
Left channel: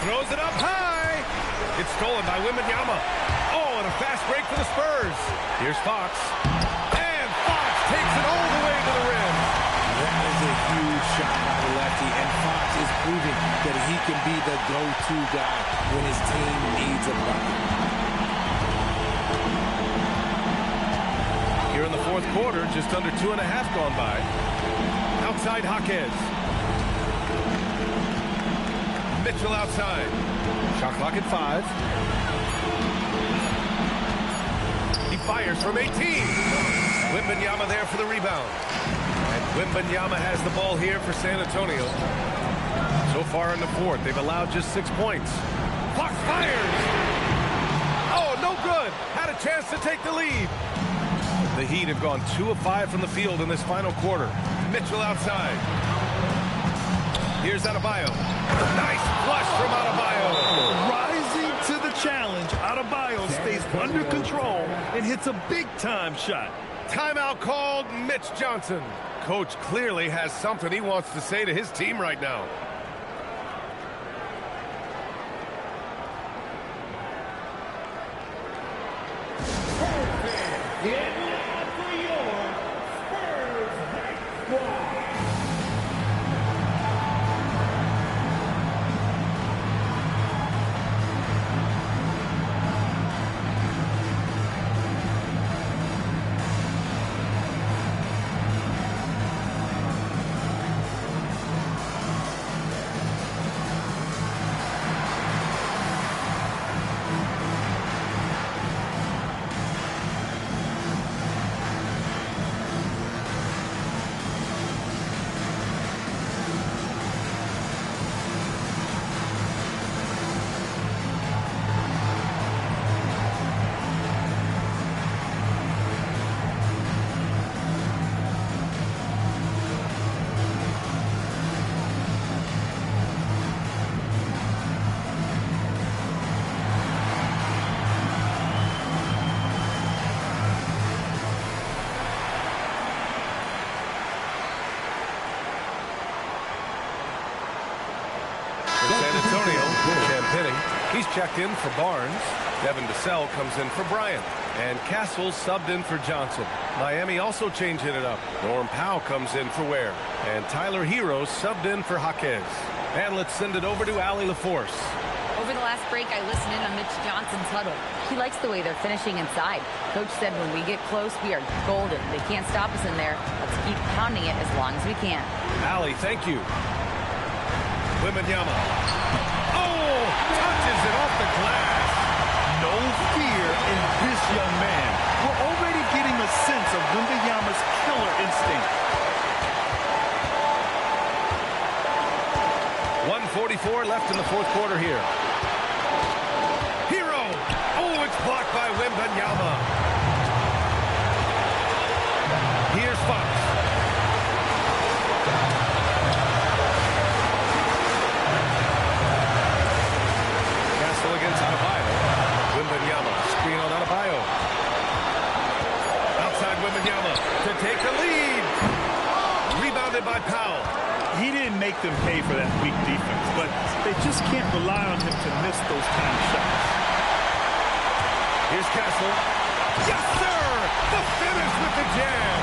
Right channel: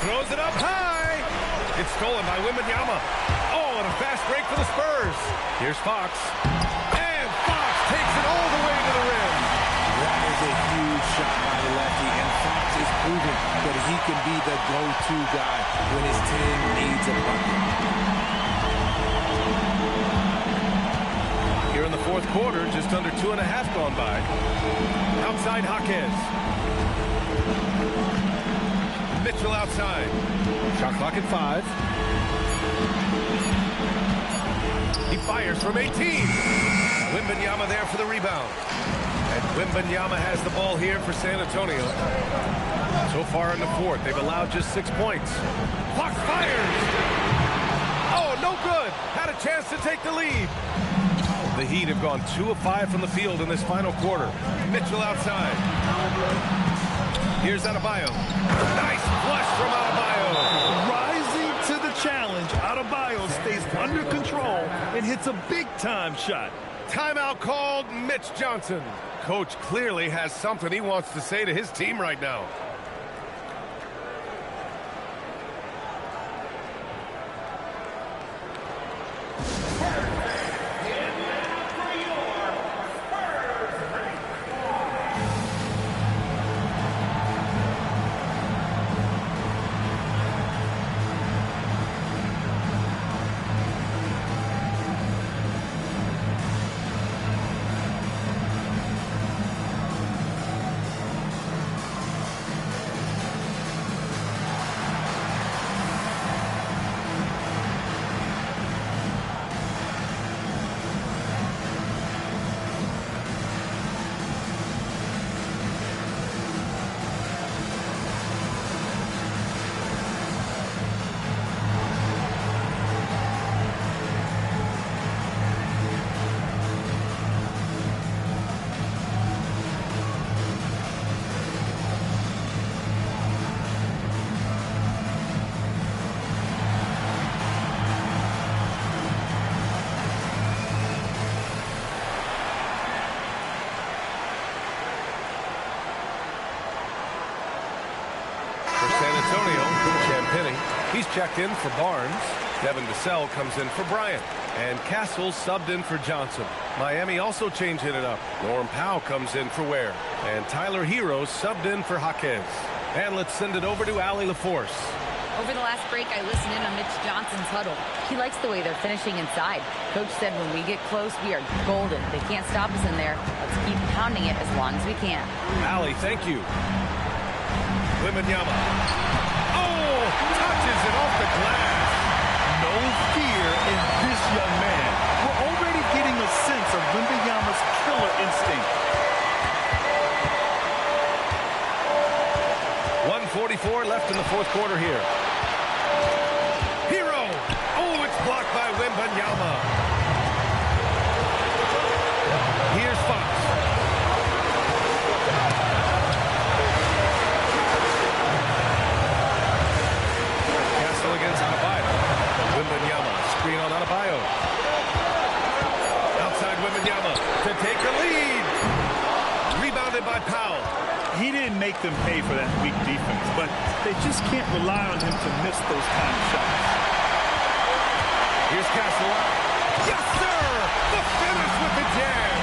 Throws it up high. It's stolen by Wembanyama. Oh, and a fast break for the Spurs. Here's Fox. And Fox takes it all the way to the rim. That is a huge shot by the lefty, and Fox is proving that he can be the go-to guy when his team needs a bucket. Here in the fourth quarter, just under 2.5 gone by. Outside Jaquez. Mitchell outside. Shot clock at 5. He fires from 18. Wembanyama there for the rebound. And Wembanyama has the ball here for San Antonio. So far in the fourth, they've allowed just 6 points. Fox fires. Oh, no good. Had a chance to take the lead. The Heat have gone 2 of 5 from the field in this final quarter. Mitchell outside. Here's Adebayo. Nice flush from Adebayo. Rising to the challenge, Adebayo stays under control and hits a big-time shot. Timeout called. Mitch Johnson. Coach clearly has something he wants to say to his team right now. San Antonio, Champagny. He's checked in for Barnes. Devin Vassell comes in for Bryant. And Castle subbed in for Johnson. Miami also changing it up. Norm Powell comes in for Ware. And Tyler Hero subbed in for Jaquez. And let's send it over to Allie LaForce. Over the last break, I listened in on Mitch Johnson's huddle. He likes the way they're finishing inside. Coach said when we get close, we are golden. They can't stop us in there. Let's keep pounding it as long as we can. Allie, thank you. Wembanyama. Oh, touches it off the glass. No fear in this young man. We're already getting a sense of Wembanyama's killer instinct. 1:44 left in the fourth quarter here. Hero. Oh, it's blocked by Wembanyama. Here's Fox. Castle against Adebayo. Wembanyama. Screen on Adebayo. Outside Wembanyama to take the lead. Rebounded by Powell. He didn't make them pay for that weak defense, but they just can't rely on him to miss those kind of shots. Here's Castle. Yes, sir! The finish with the jam.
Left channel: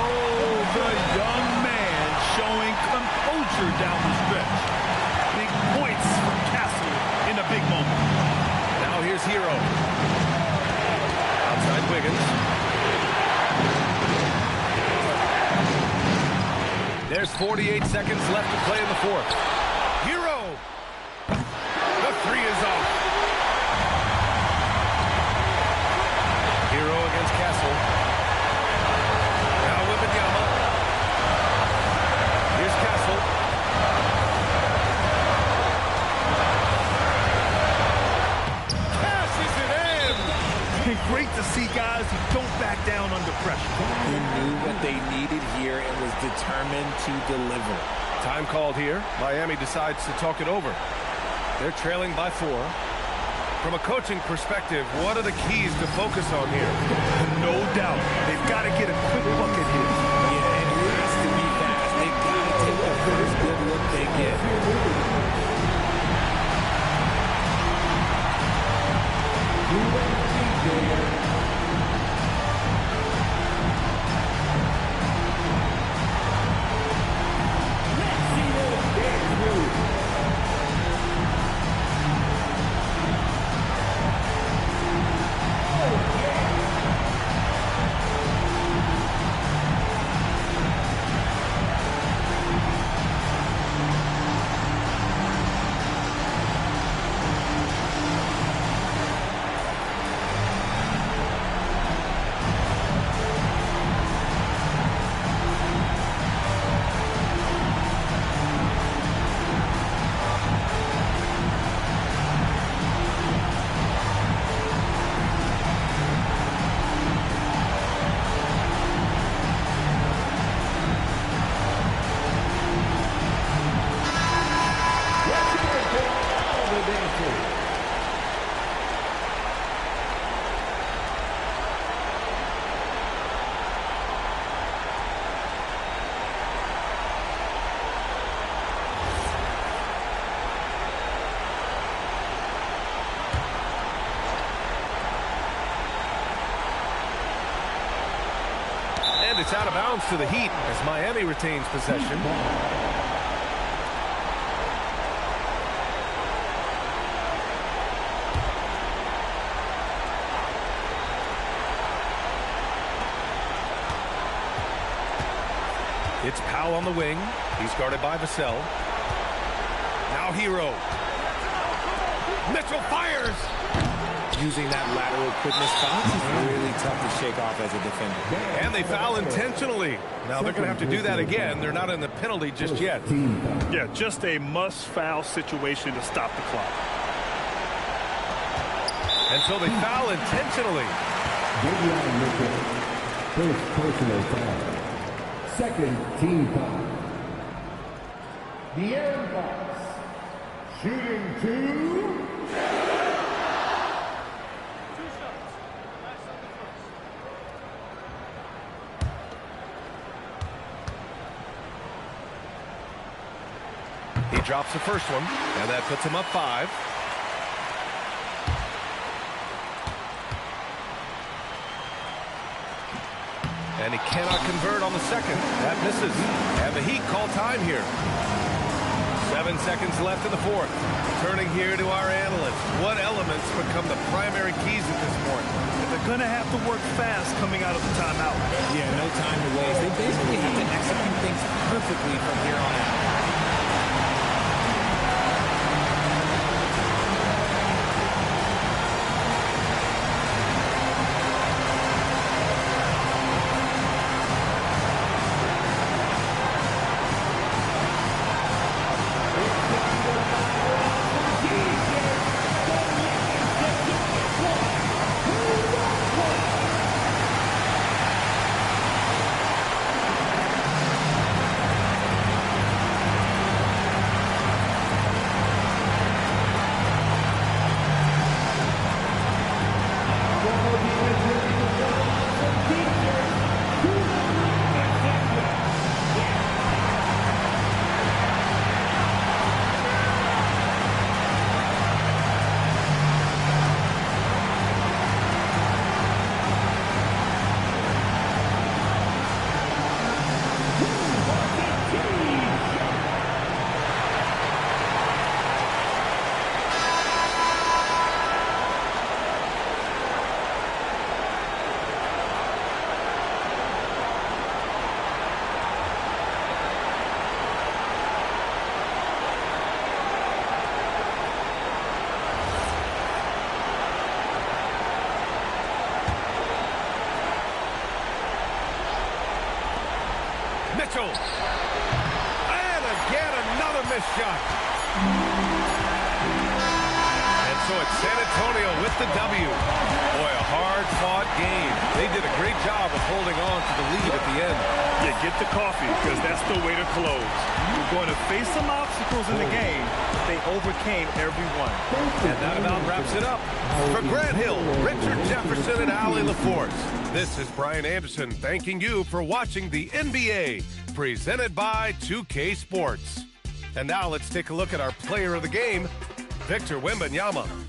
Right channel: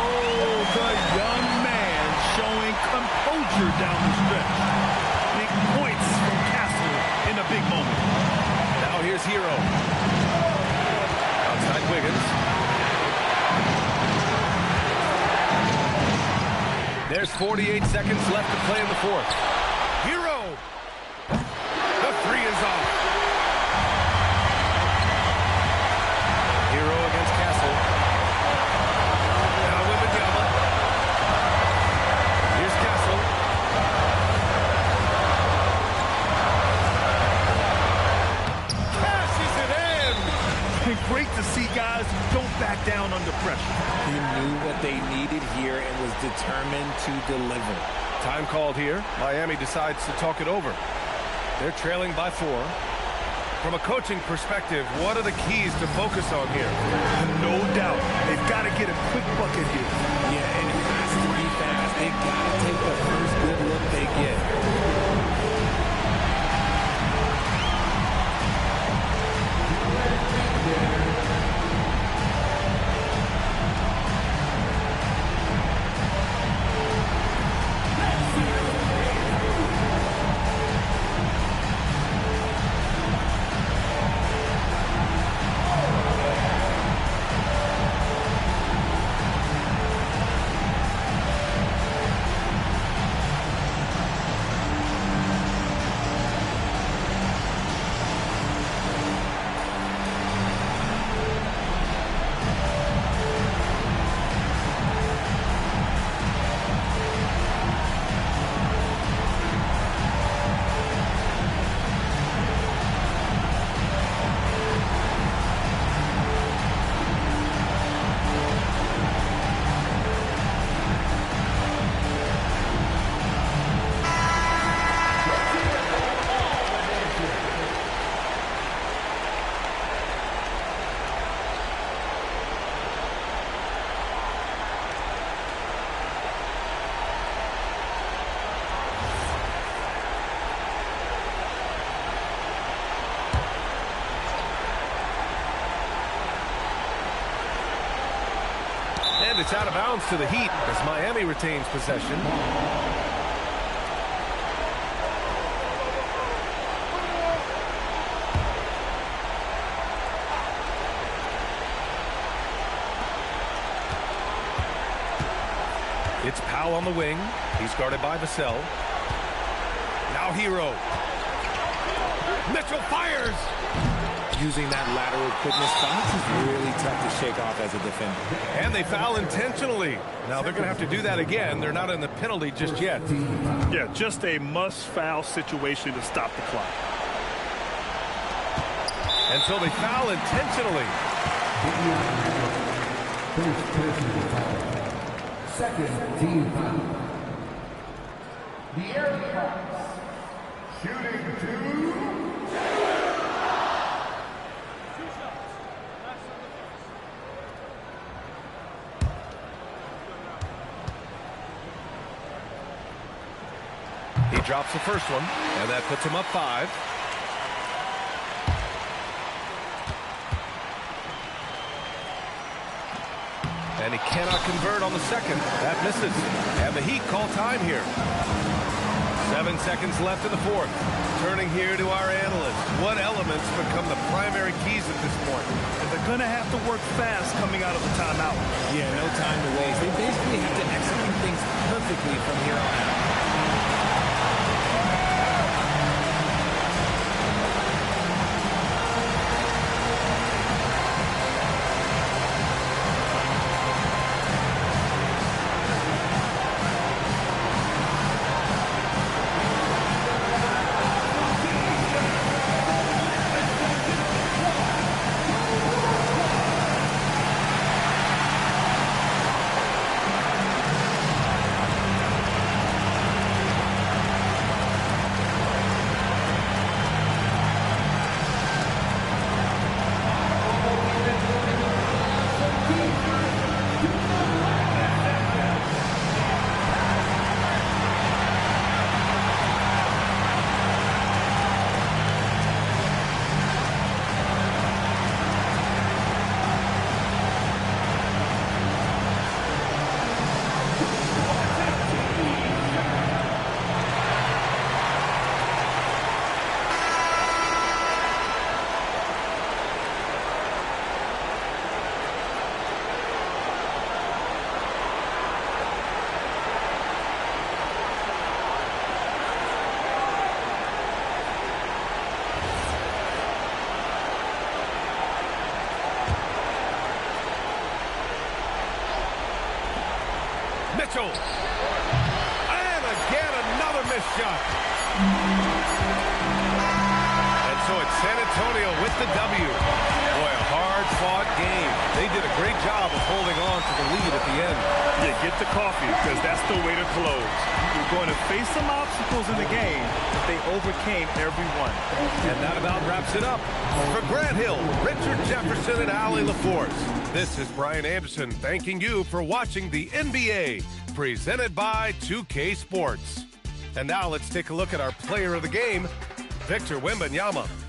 Oh, the young man showing composure down the stretch. Big points from Castle in a big moment. Now here's Hero. Outside Wiggins. There's 48 seconds left to play in the fourth. Hero! The three is off. Hero against Castle. Now Wembanyama. Here's Castle. Cashes it in! Great to see guys who don't back down under pressure. He knew what they needed here and was determined to deliver. Time called here. Miami decides to talk it over. They're trailing by 4. From a coaching perspective, what are the keys to focus on here? No doubt. They've got to get a quick bucket here. Yeah, and it has to be fast. They got to take the first good look they get. And it's out of bounds to the Heat as Miami retains possession. It's Powell on the wing. He's guarded by Vassell. Now Hero. Mitchell fires. Using that lateral quickness, Fox is really tough to shake off as a defender. And they foul intentionally. Now they're going to have to do that again. They're not in the penalty just yet. Yeah, just a must-foul situation to stop the clock. And so they foul intentionally. First personal foul. Second team foul. De'Aaron Fox shooting 2. He drops the first one, and that puts him up 5. And he cannot convert on the second. That misses. And the Heat call time here. 7 seconds left in the fourth. Turning here to our analysts. What elements become the primary keys at this point? And they're going to have to work fast coming out of the timeout. Yeah, no time to waste. They basically have to execute things perfectly from here on out. Mitchell. And again, another missed shot. And also at San Antonio with the W. Boy, a hard-fought game. They did a great job of holding on to the lead at the end. Yeah, get the coffee, because that's the way to close. You're going to face some obstacles in the game, but they overcame every one. And that about wraps it up. For Grant Hill, Richard Jefferson, and Allie LaForce, this is Brian Anderson thanking you for watching the NBA, presented by 2K Sports. And now let's take a look at our player of the game, Victor Wembanyama.